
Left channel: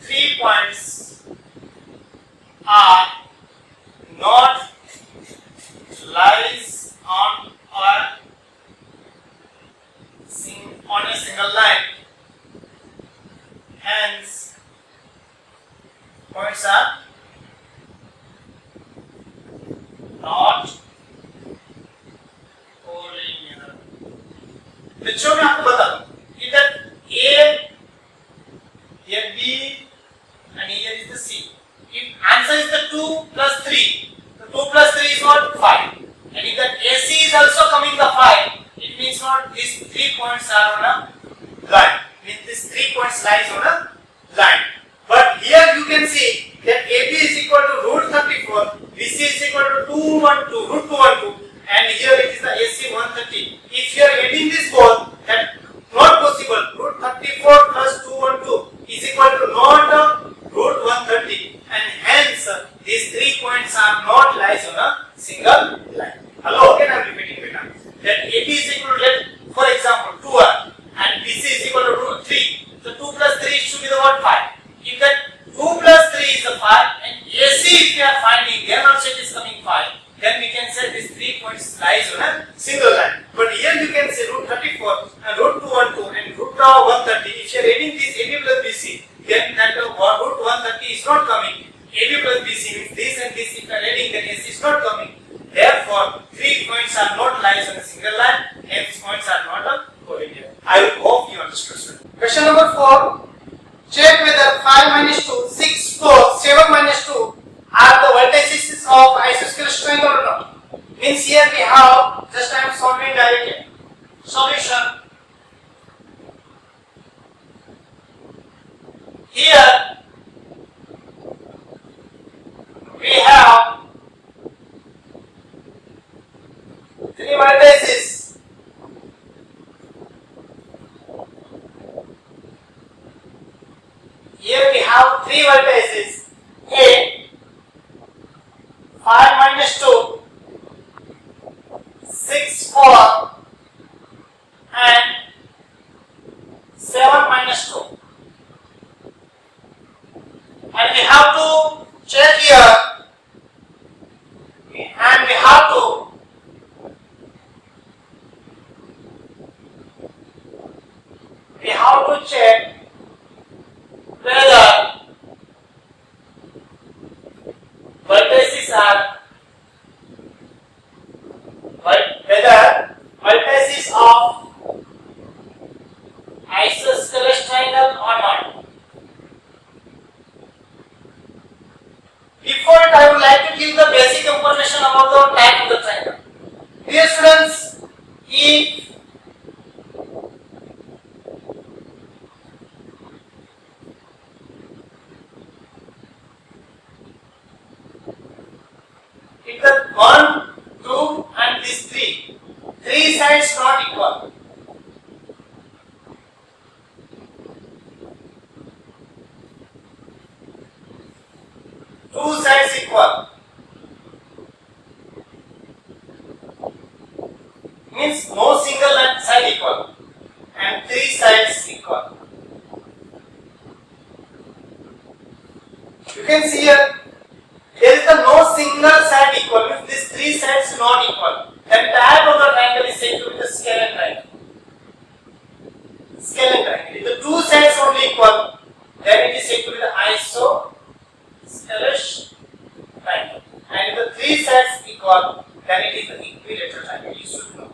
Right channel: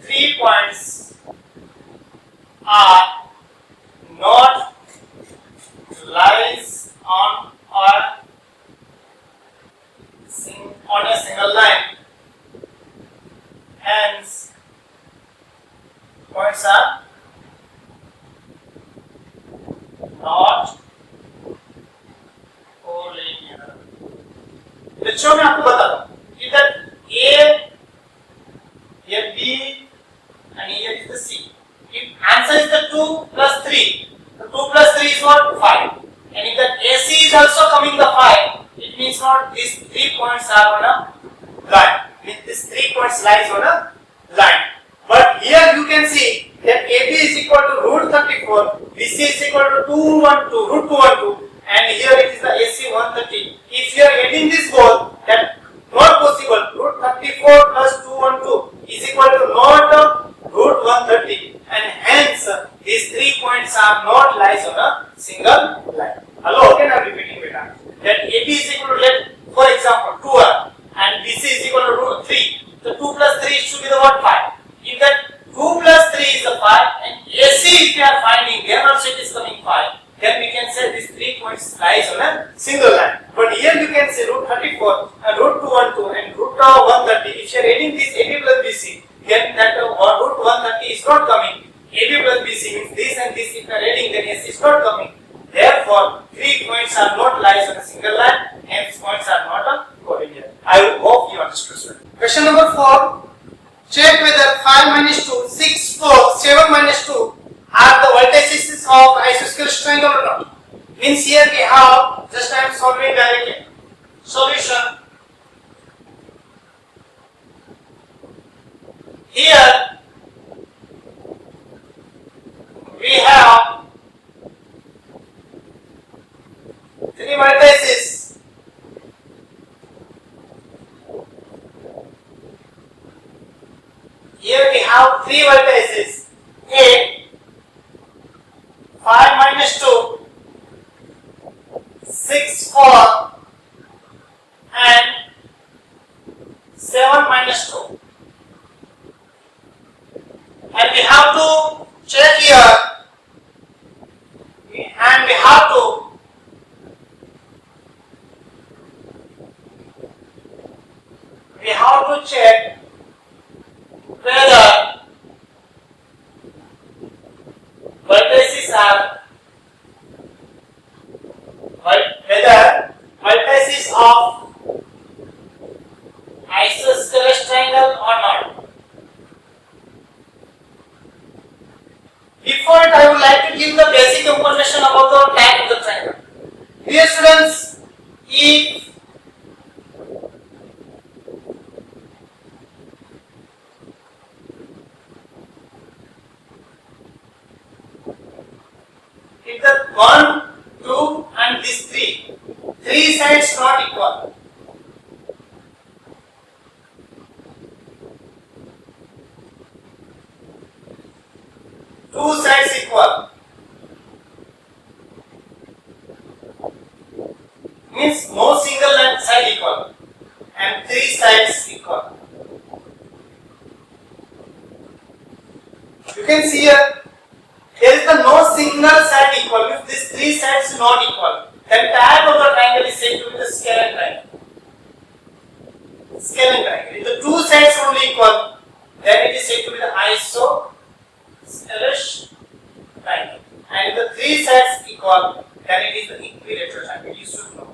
3 points are not lies on a single line. Hence, points are not collinear. बच्चों मैं आपको बता दूं इधर A, here B, and here is the C. If answer is the 2 plus 3, the 2 plus 3 is what? 5. And if that AC is also coming the 5, it means what? These 3 points are on a line. These 3 points lies on a line. But here you can see that AB is equal to root 34, BC is equal to 212, root 212, and here it is the AC 130. If you are adding this both, that not possible. Root 34 plus 212 is equal to not root 130, and hence these 3 points are not lies on a single line. Hello, again I am repeating beta. That AB is equal to, for example, 2R and BC is equal to root 3. So 2 plus 3 should be the what? 5. If that 2 plus 3 is a 5 and AC if you are finding, then also it is coming 5. Then we can say these 3 points lies on a single line. But here you can say root 34 and root 212 and root 130. If you are adding this AB plus BC, then that root 130 is not coming. AB plus BC means this and this. If you are adding, then AC is not coming. Therefore, 3 points are not lies on a single line. Hence, points are not a collinear. I hope you understood. Question number 4. Check whether 5 minus 2, 6, 4, 7 minus 2 are the vertices of isosceles triangle or not. Means here we have, just I am solving directly. Solution. Here we have 3 vertices. Here we have 3 vertices. A 5 minus 2, 6, 4 and 7 minus 2. And we have to check here and we have to check whether vertices are of isosceles triangle or not. Before it, I would like to give the basic information about the type of the triangle. Dear students, if the 1, 2 and these 3 sides not equal. Two sides equal means no single side equal and 3 sides equal. You can see here there is no single side equal, means these 3 sides not equal. Then type of the triangle is said to be the scalene triangle. Scalene triangle. If the 2 sides only equal, then it is said to be the isosceles triangle. And if the 3 sides equal, then it is the equilateral triangle. You should know.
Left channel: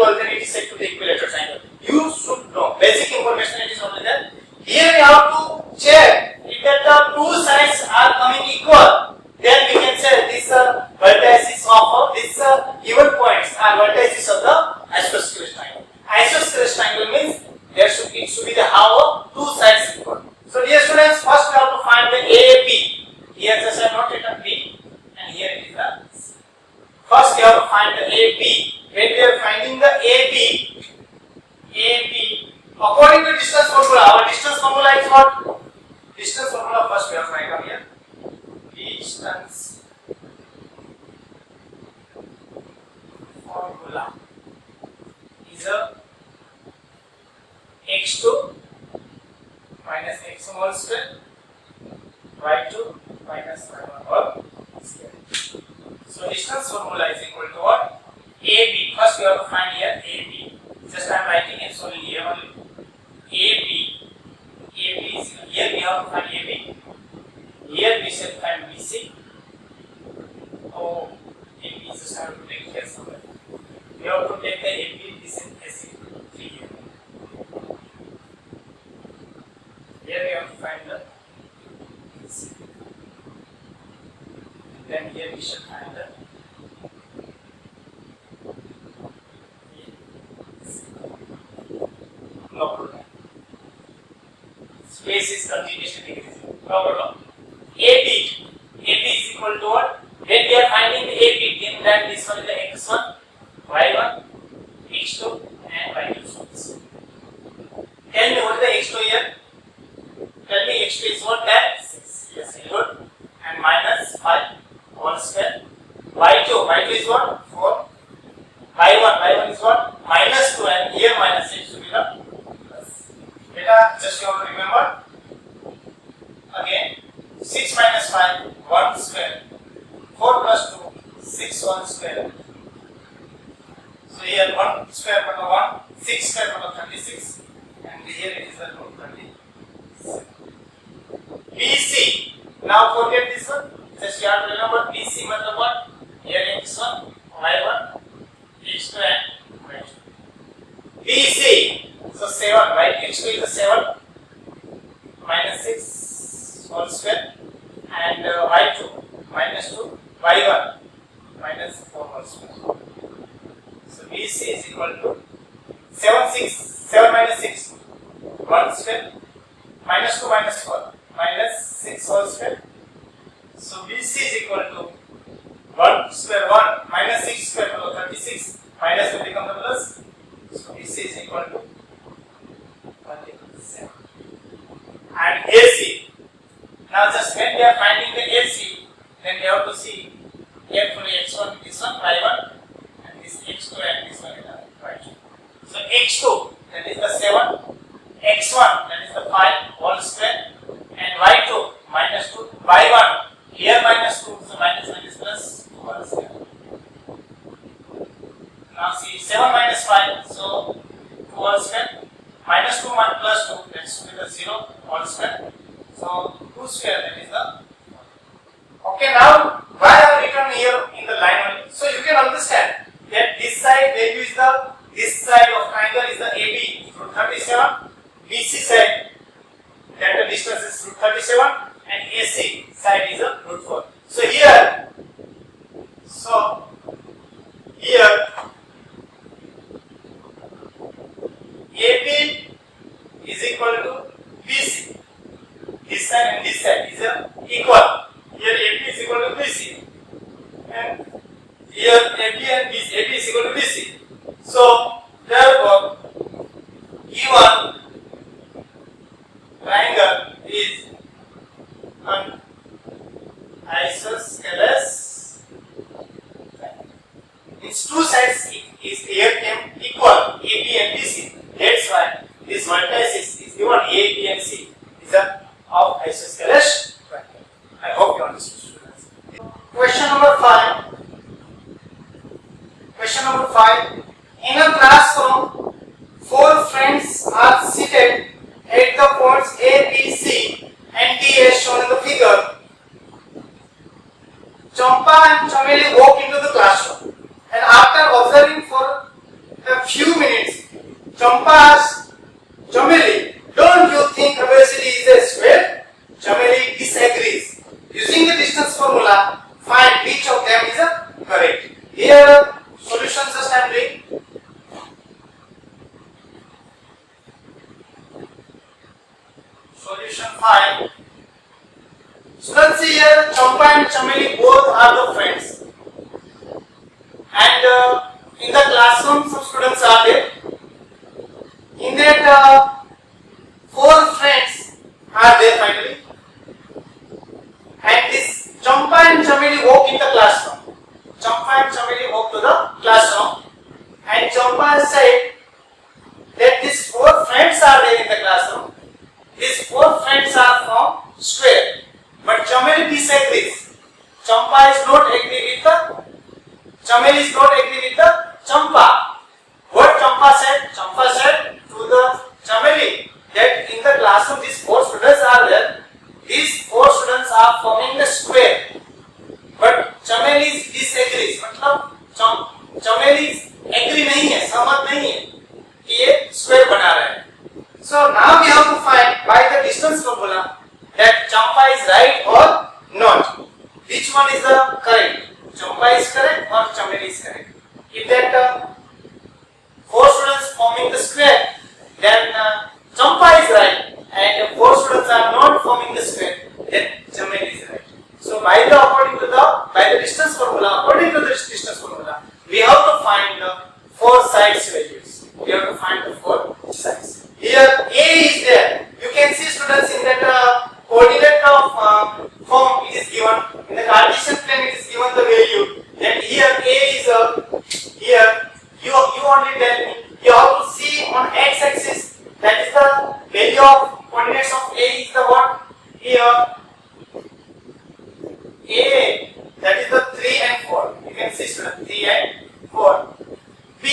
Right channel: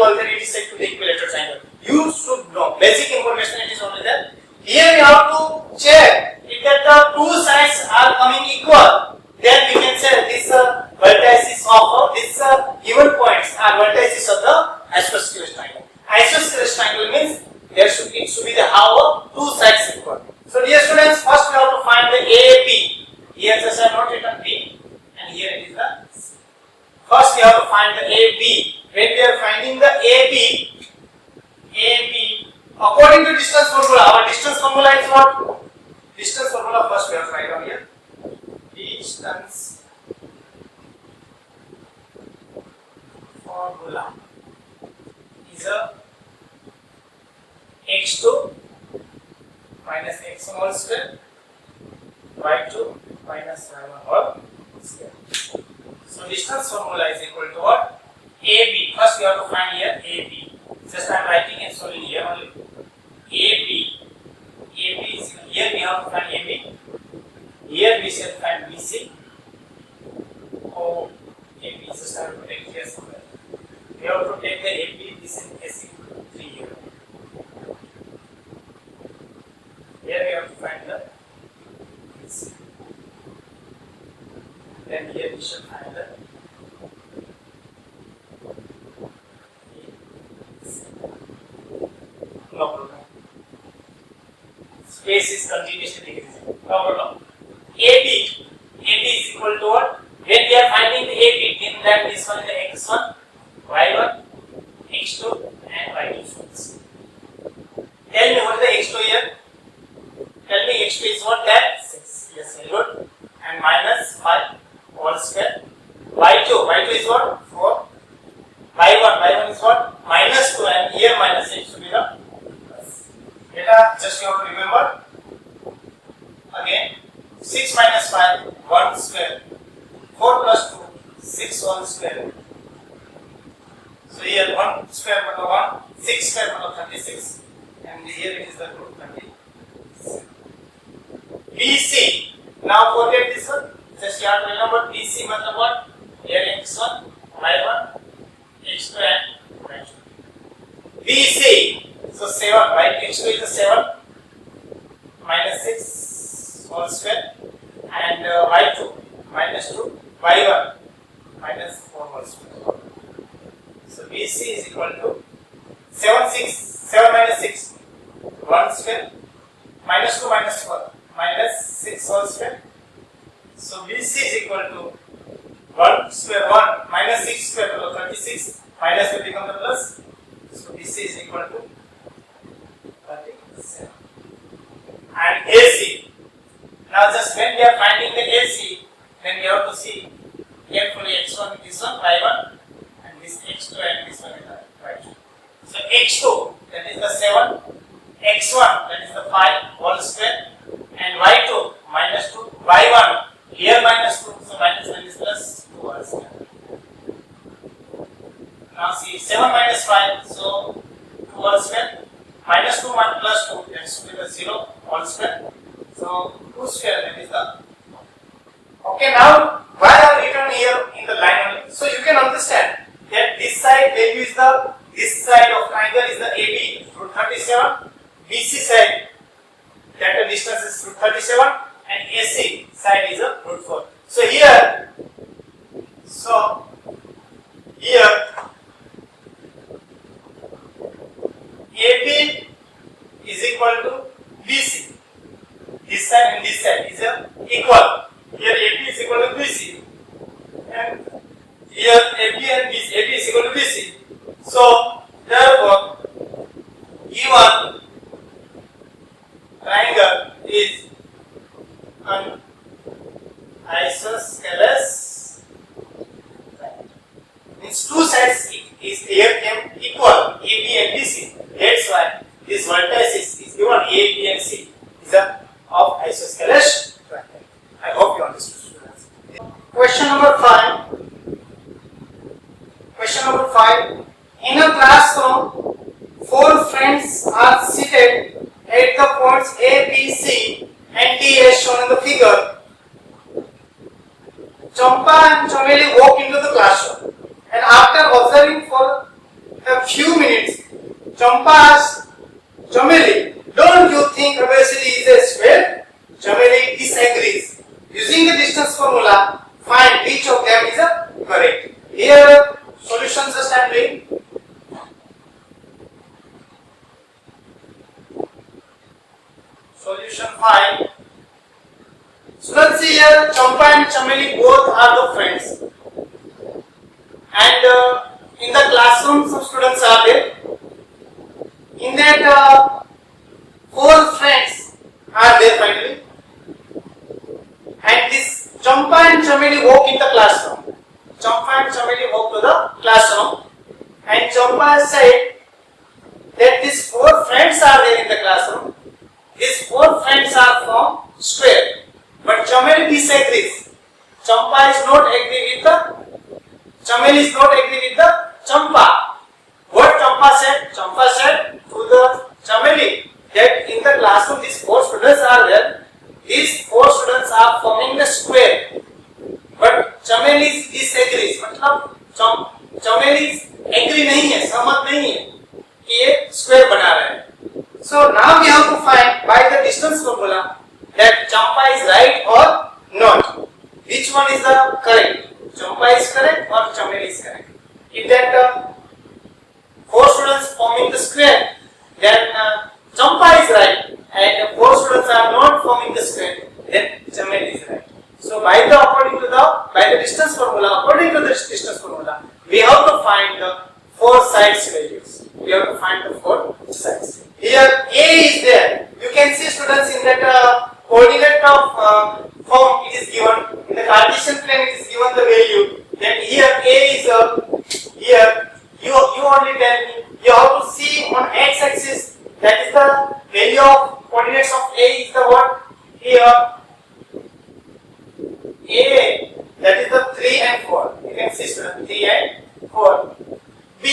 equal, then it is said to be equilateral triangle. You should know basic information. It is only there. Here we have to check if the two sides are coming equal. Then we can say this vertices of this given points are vertices of the isosceles triangle. Isosceles triangle means it should be the how two sides equal. So dear students, first we have to find the AB. Here just I have not written B, and here it is the C. First we have to find the AB. When we are finding the AB, according to distance formula, our distance formula is what? Distance formula first we have to write down here. Distance formula is a x2 minus x1 whole square, y2 minus y1 whole square. So distance formula is equal to what? AB. First we have to find here AB. Just I am writing it only here only. AB. AB is here we have to find AB. Here we shall find BC. Oh, AB is just I have to take here somewhere. We have to take the AB. This is AC 3 here. Here we have to find the BC. Then here we shall find the no problem. Space is continuously decreasing. No problem. AB is equal to what? When we are finding the AB, then this one is the x1, y1, x2, and y2. Tell me what is the x2 here? Tell me x2 is what? That 6. Yes, very good. And minus 5 whole square. Y2 is what? 4. Y1 is what? Minus 2, and here minus 8 should be the plus. Beta, just you have to remember. Again, 6 minus 5, 1 square. 4 plus 2, 6 whole square. So here 1 square but 1, 6 square but 36. And here it is the root 36. BC. Now forget this one. Just you have to remember BC matlab what? Here x1, y1, x2 and y2. BC. So 7, right? x2 is a 7 minus 6 whole square, and y2 minus 2, y1 minus 4 whole square. So BC is equal to 7 minus 6, 1 square, minus 2 minus 4, minus 6 whole square. So BC is equal to 1 square 1 minus 6 square 36, minus will become the plus. So BC is equal to 37. And AC. Now just when we are finding the AC, then we have to see carefully x1, this one, y1, and this x2 and this one is the y2. So x2, that is the 7, x1, that is the 5 whole square, and y2 minus 2, y1, here minus 2, so minus plus 2 whole square. Now see 7 minus 5, so 2 whole square, minus 2 plus 2, that should be the 0 whole square. So 2 square, that is the. Okay, now why I have written here in the line only? So you can understand that this side value is this side of triangle is the AB root 37, BC side that the distance is root 37, and AC side is a root 4. So here AB is equal to BC. This side and this side is equal. Here AB is equal to BC, and here AB and BC, AB is equal to BC. So therefore, given triangle is an isosceles. Means two sides is here equal, AB and BC. That's why this vertex is given A, B, and C is of isosceles triangle. I hope you understood, students. Question number 5. Question number 5. In a classroom, 4 friends are seated at the points A, B, C, and D as shown in the figure. Champa and Chameli walk into the classroom, and after observing for a few Champa's Chameli, don't you think obesity is a square? Chameli disagrees. Using the distance formula, find which of them is correct. Here, solutions just I am doing. Solution 5. Students, here Champa and Chameli both are the friends, and in the classroom some students are there. In that 4 friends are there finally, and this Champa and Chameli walk in the classroom. Champa and Chameli walk to the classroom, and Champa said that these 4 friends are there in the classroom. These 4 friends are from square. But Chameli disagrees. Champa is not agree with the Chameli is not agree with the Champa. What Champa said? Champa said to the Chameli that in the classroom these 4 students are there. These 4 students are forming the square. But Chameli disagrees. मतलब Chameli agree नहीं है, सहमत नहीं है कि ये square बना रहे हैं. So now we have to find by the distance formula that Champa is right or not. Which one is the correct? Champa is correct or Chameli is correct? If that 4 students forming the square, then Champa is right, and 4 students are not forming the square, then Chameli is right. So by the distance formula, according to the distance formula, we have to find the 4 sides values. We have to find the 4 sides. Here A is there. You can see students in that coordinate of form it is given. In the Cartesian plane it is given the value. Then here A is here. You only tell me. You have to see on x-axis. That is the value of coordinates of A is the what? Here A, that is the 3 and 4. You can see students 3 and 4. B.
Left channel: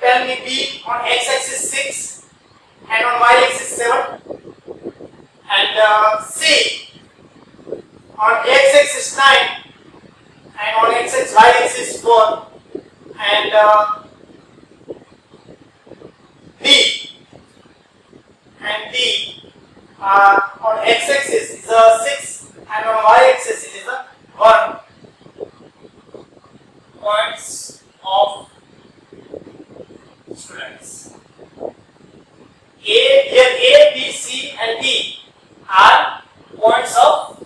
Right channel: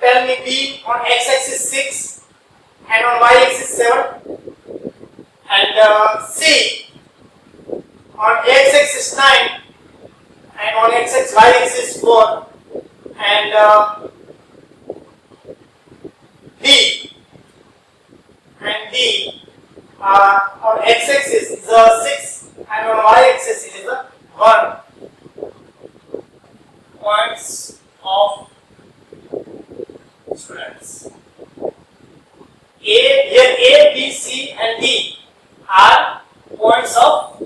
Tell me B on x-axis 6 and on y-axis 7, and C on x-axis 9 and on y-axis 4, and D and D on x-axis is a 6 and on y-axis it is a 1. Points of students. A, B, C, and D are points of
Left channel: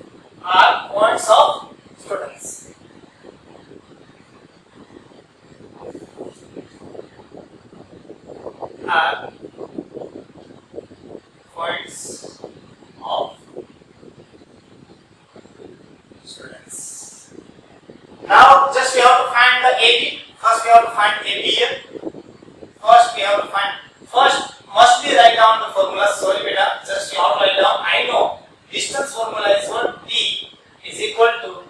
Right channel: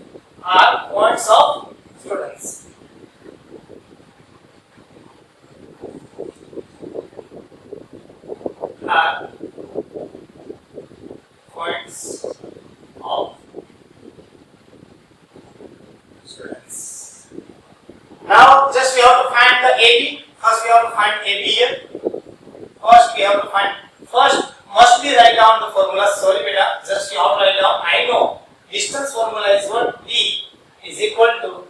students. Are points of students. Now, just we have to find the AB. First, we have to find AB here. First must be write down the formula. Sorry beta, just you have to write down. I know distance formula is what? D is equal to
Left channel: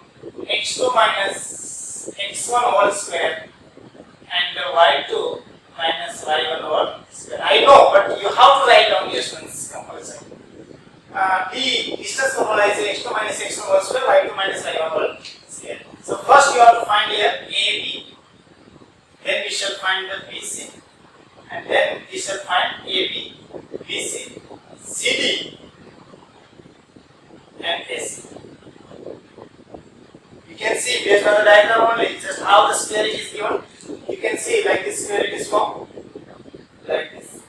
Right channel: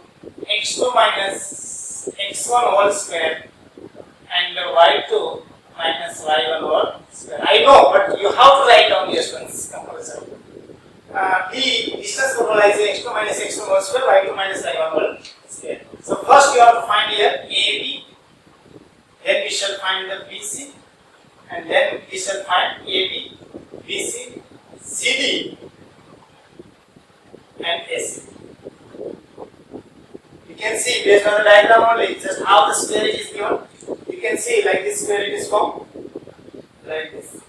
x2 minus x1 whole square and y2 minus y1 whole square. I know, but you have to write down the students comparison. D distance formula is x2 minus x1 whole square, y2 minus y1 whole square. So first you have to find here AB, then we shall find the BC, and then we shall find AB, BC, CD, and AC. You can see based on the diagram only, just how the square it is given. You can see like this square it is formed, like this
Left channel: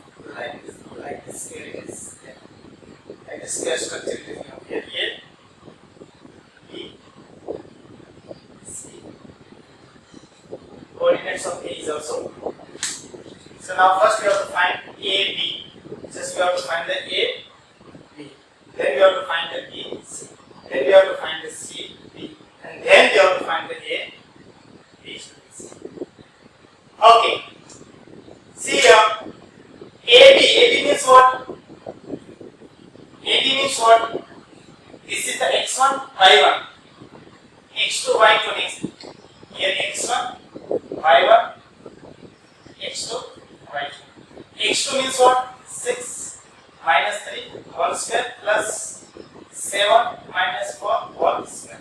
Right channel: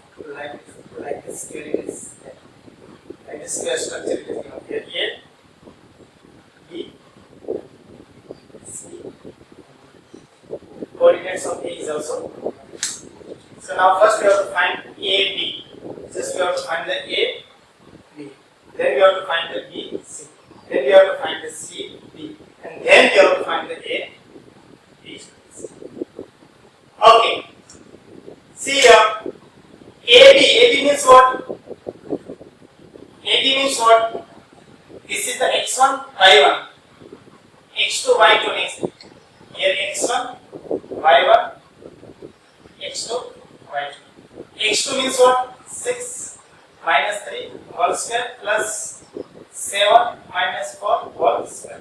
square it is, like this square structure it is given. Here A, B, C. Coordinates of A is also. So now first we have to find AB. Just we have to find the A, B. Then we have to find the B, C. Then we have to find the C, D. And then we have to find the A, B, C. Okay. See here. AB means what? AB means what? This is the x1, y1. x2, y2 next. Here x1, y1, x2, y2. x2 means what? 6 minus 3 whole square plus 7 minus 4 whole square.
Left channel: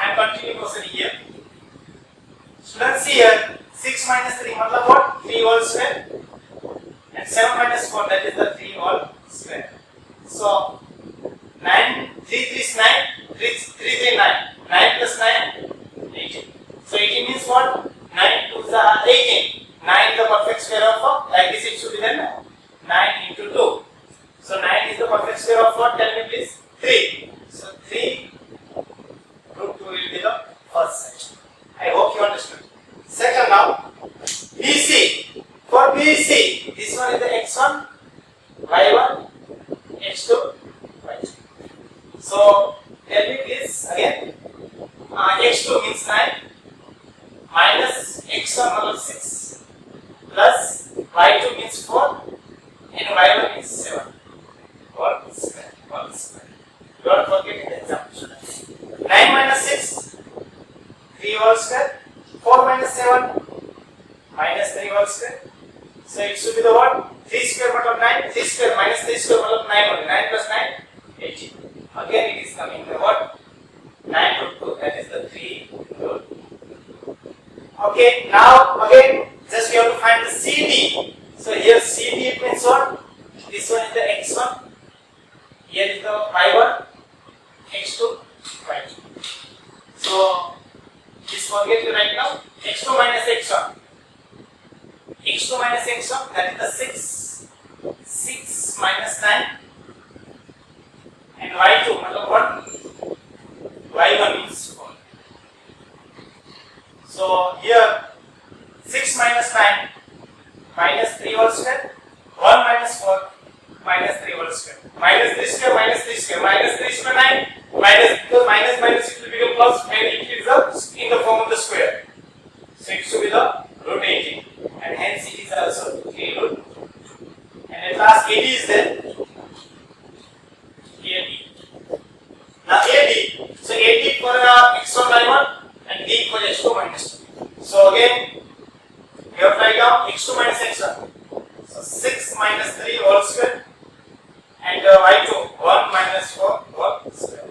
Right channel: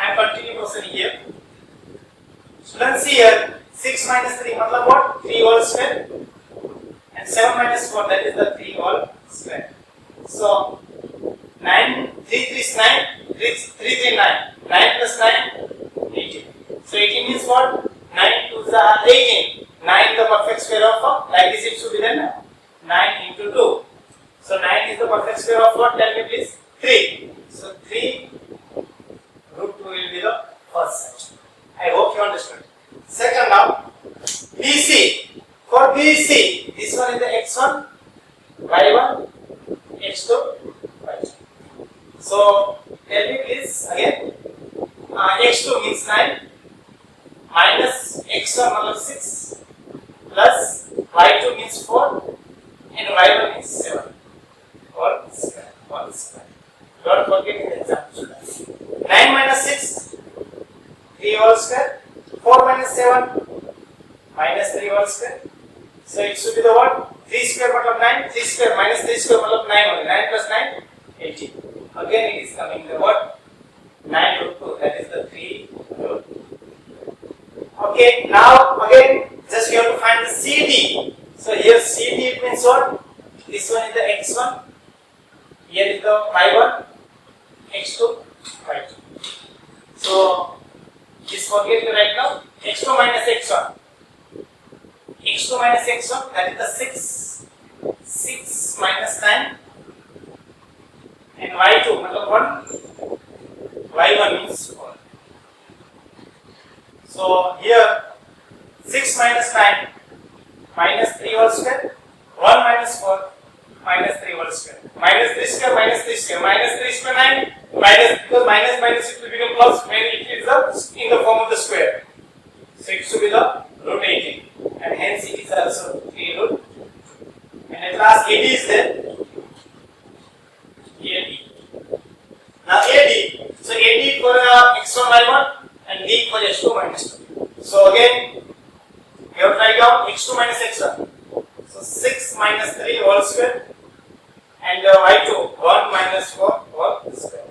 And continue question here. Students see here 6 minus 3 मतलब what? 3 whole square and 7 minus 4, that is the 3 whole square. So 9, 3 3 is 9, 3 3 9, 9 plus 9, 18. So 18 means what? 9 2 is 18. 9 is the perfect square of, like this it should be then 9 into 2. So 9 is the perfect square of what? Tell me please. 3. So 3 root 2 will be the first set. I hope you understood. Second now, BC. For BC, this one is the x1, y1, x2, y2. So tell me please again. X2 means 9 minus x1 means 6 plus y2 means 4 and y1 means 7. All square. Don't forget in the example. 9 minus 6, 3 whole square. 4 minus 7, minus 3 whole square. So it should be the what? 3 square multiplied 9, 3 square minus 3 square multiplied 9 only. 9 plus 9, 18. Again it is coming the what? 9 root 2, that is the 3 root. Okay, now again just we have to find the CD. So here CD it means what? This one is the x1, here is the y1, x2, y2. So please forget to write now x2 minus x1. x2 minus x1, that is the 6. 6 minus 9 and y2 matlab 1. y1 means 4. So here 6 minus 9 minus 3 whole square, 1 minus 4 minus 3 whole square, minus 3 square minus 3 square, minus 3 square 9, minus, because minus it will become plus when it is in the form of the square. So it should be the root 18 and hence it is also 3 root. And at last AD is there. AD. Now AD. So AD for x1 y1 and D for x2 minus 2. So again we have to write down x2 minus x1. So 6 minus 3 whole square and y2 1 minus 4 whole square.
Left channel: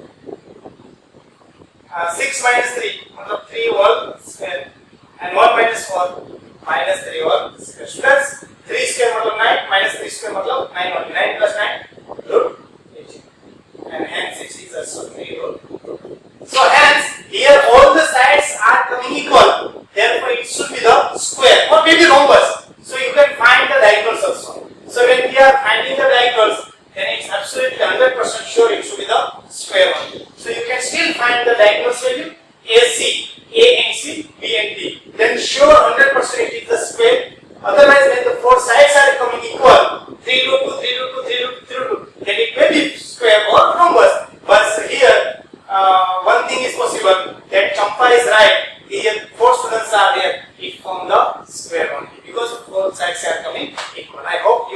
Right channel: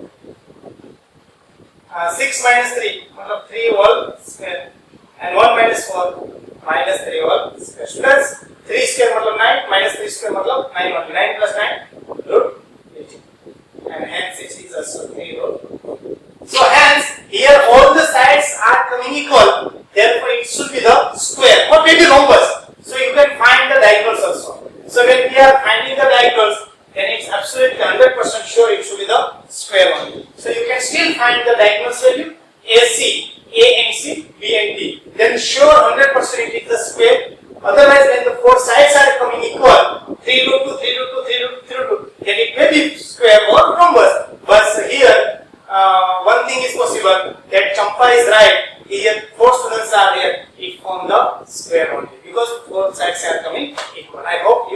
6 minus 3 3 whole square and 1 minus 4 minus 3 whole square. Students, 3 square multiplied 9 minus 3 square multiplied 9 only. 9 plus 9 root 18 and hence it is also 3 root. So hence here all the sides are coming equal, therefore it should be the square or maybe rhombus. So you can find the diagonals also. So when we are finding the diagonals, then it's absolutely 100% sure it should be the square only. So you can still find the diagonals value AC, A and C, B and D. Then sure 100% it is the square. Otherwise when the four sides are coming equal, 3 root 2, 3 root 2, 3 root 2, 3 root 2, then it may be square or rhombus. But here one thing is possible, that Champa is right. Here 4 students are there, it forms the square only because both sides are coming equal. I hope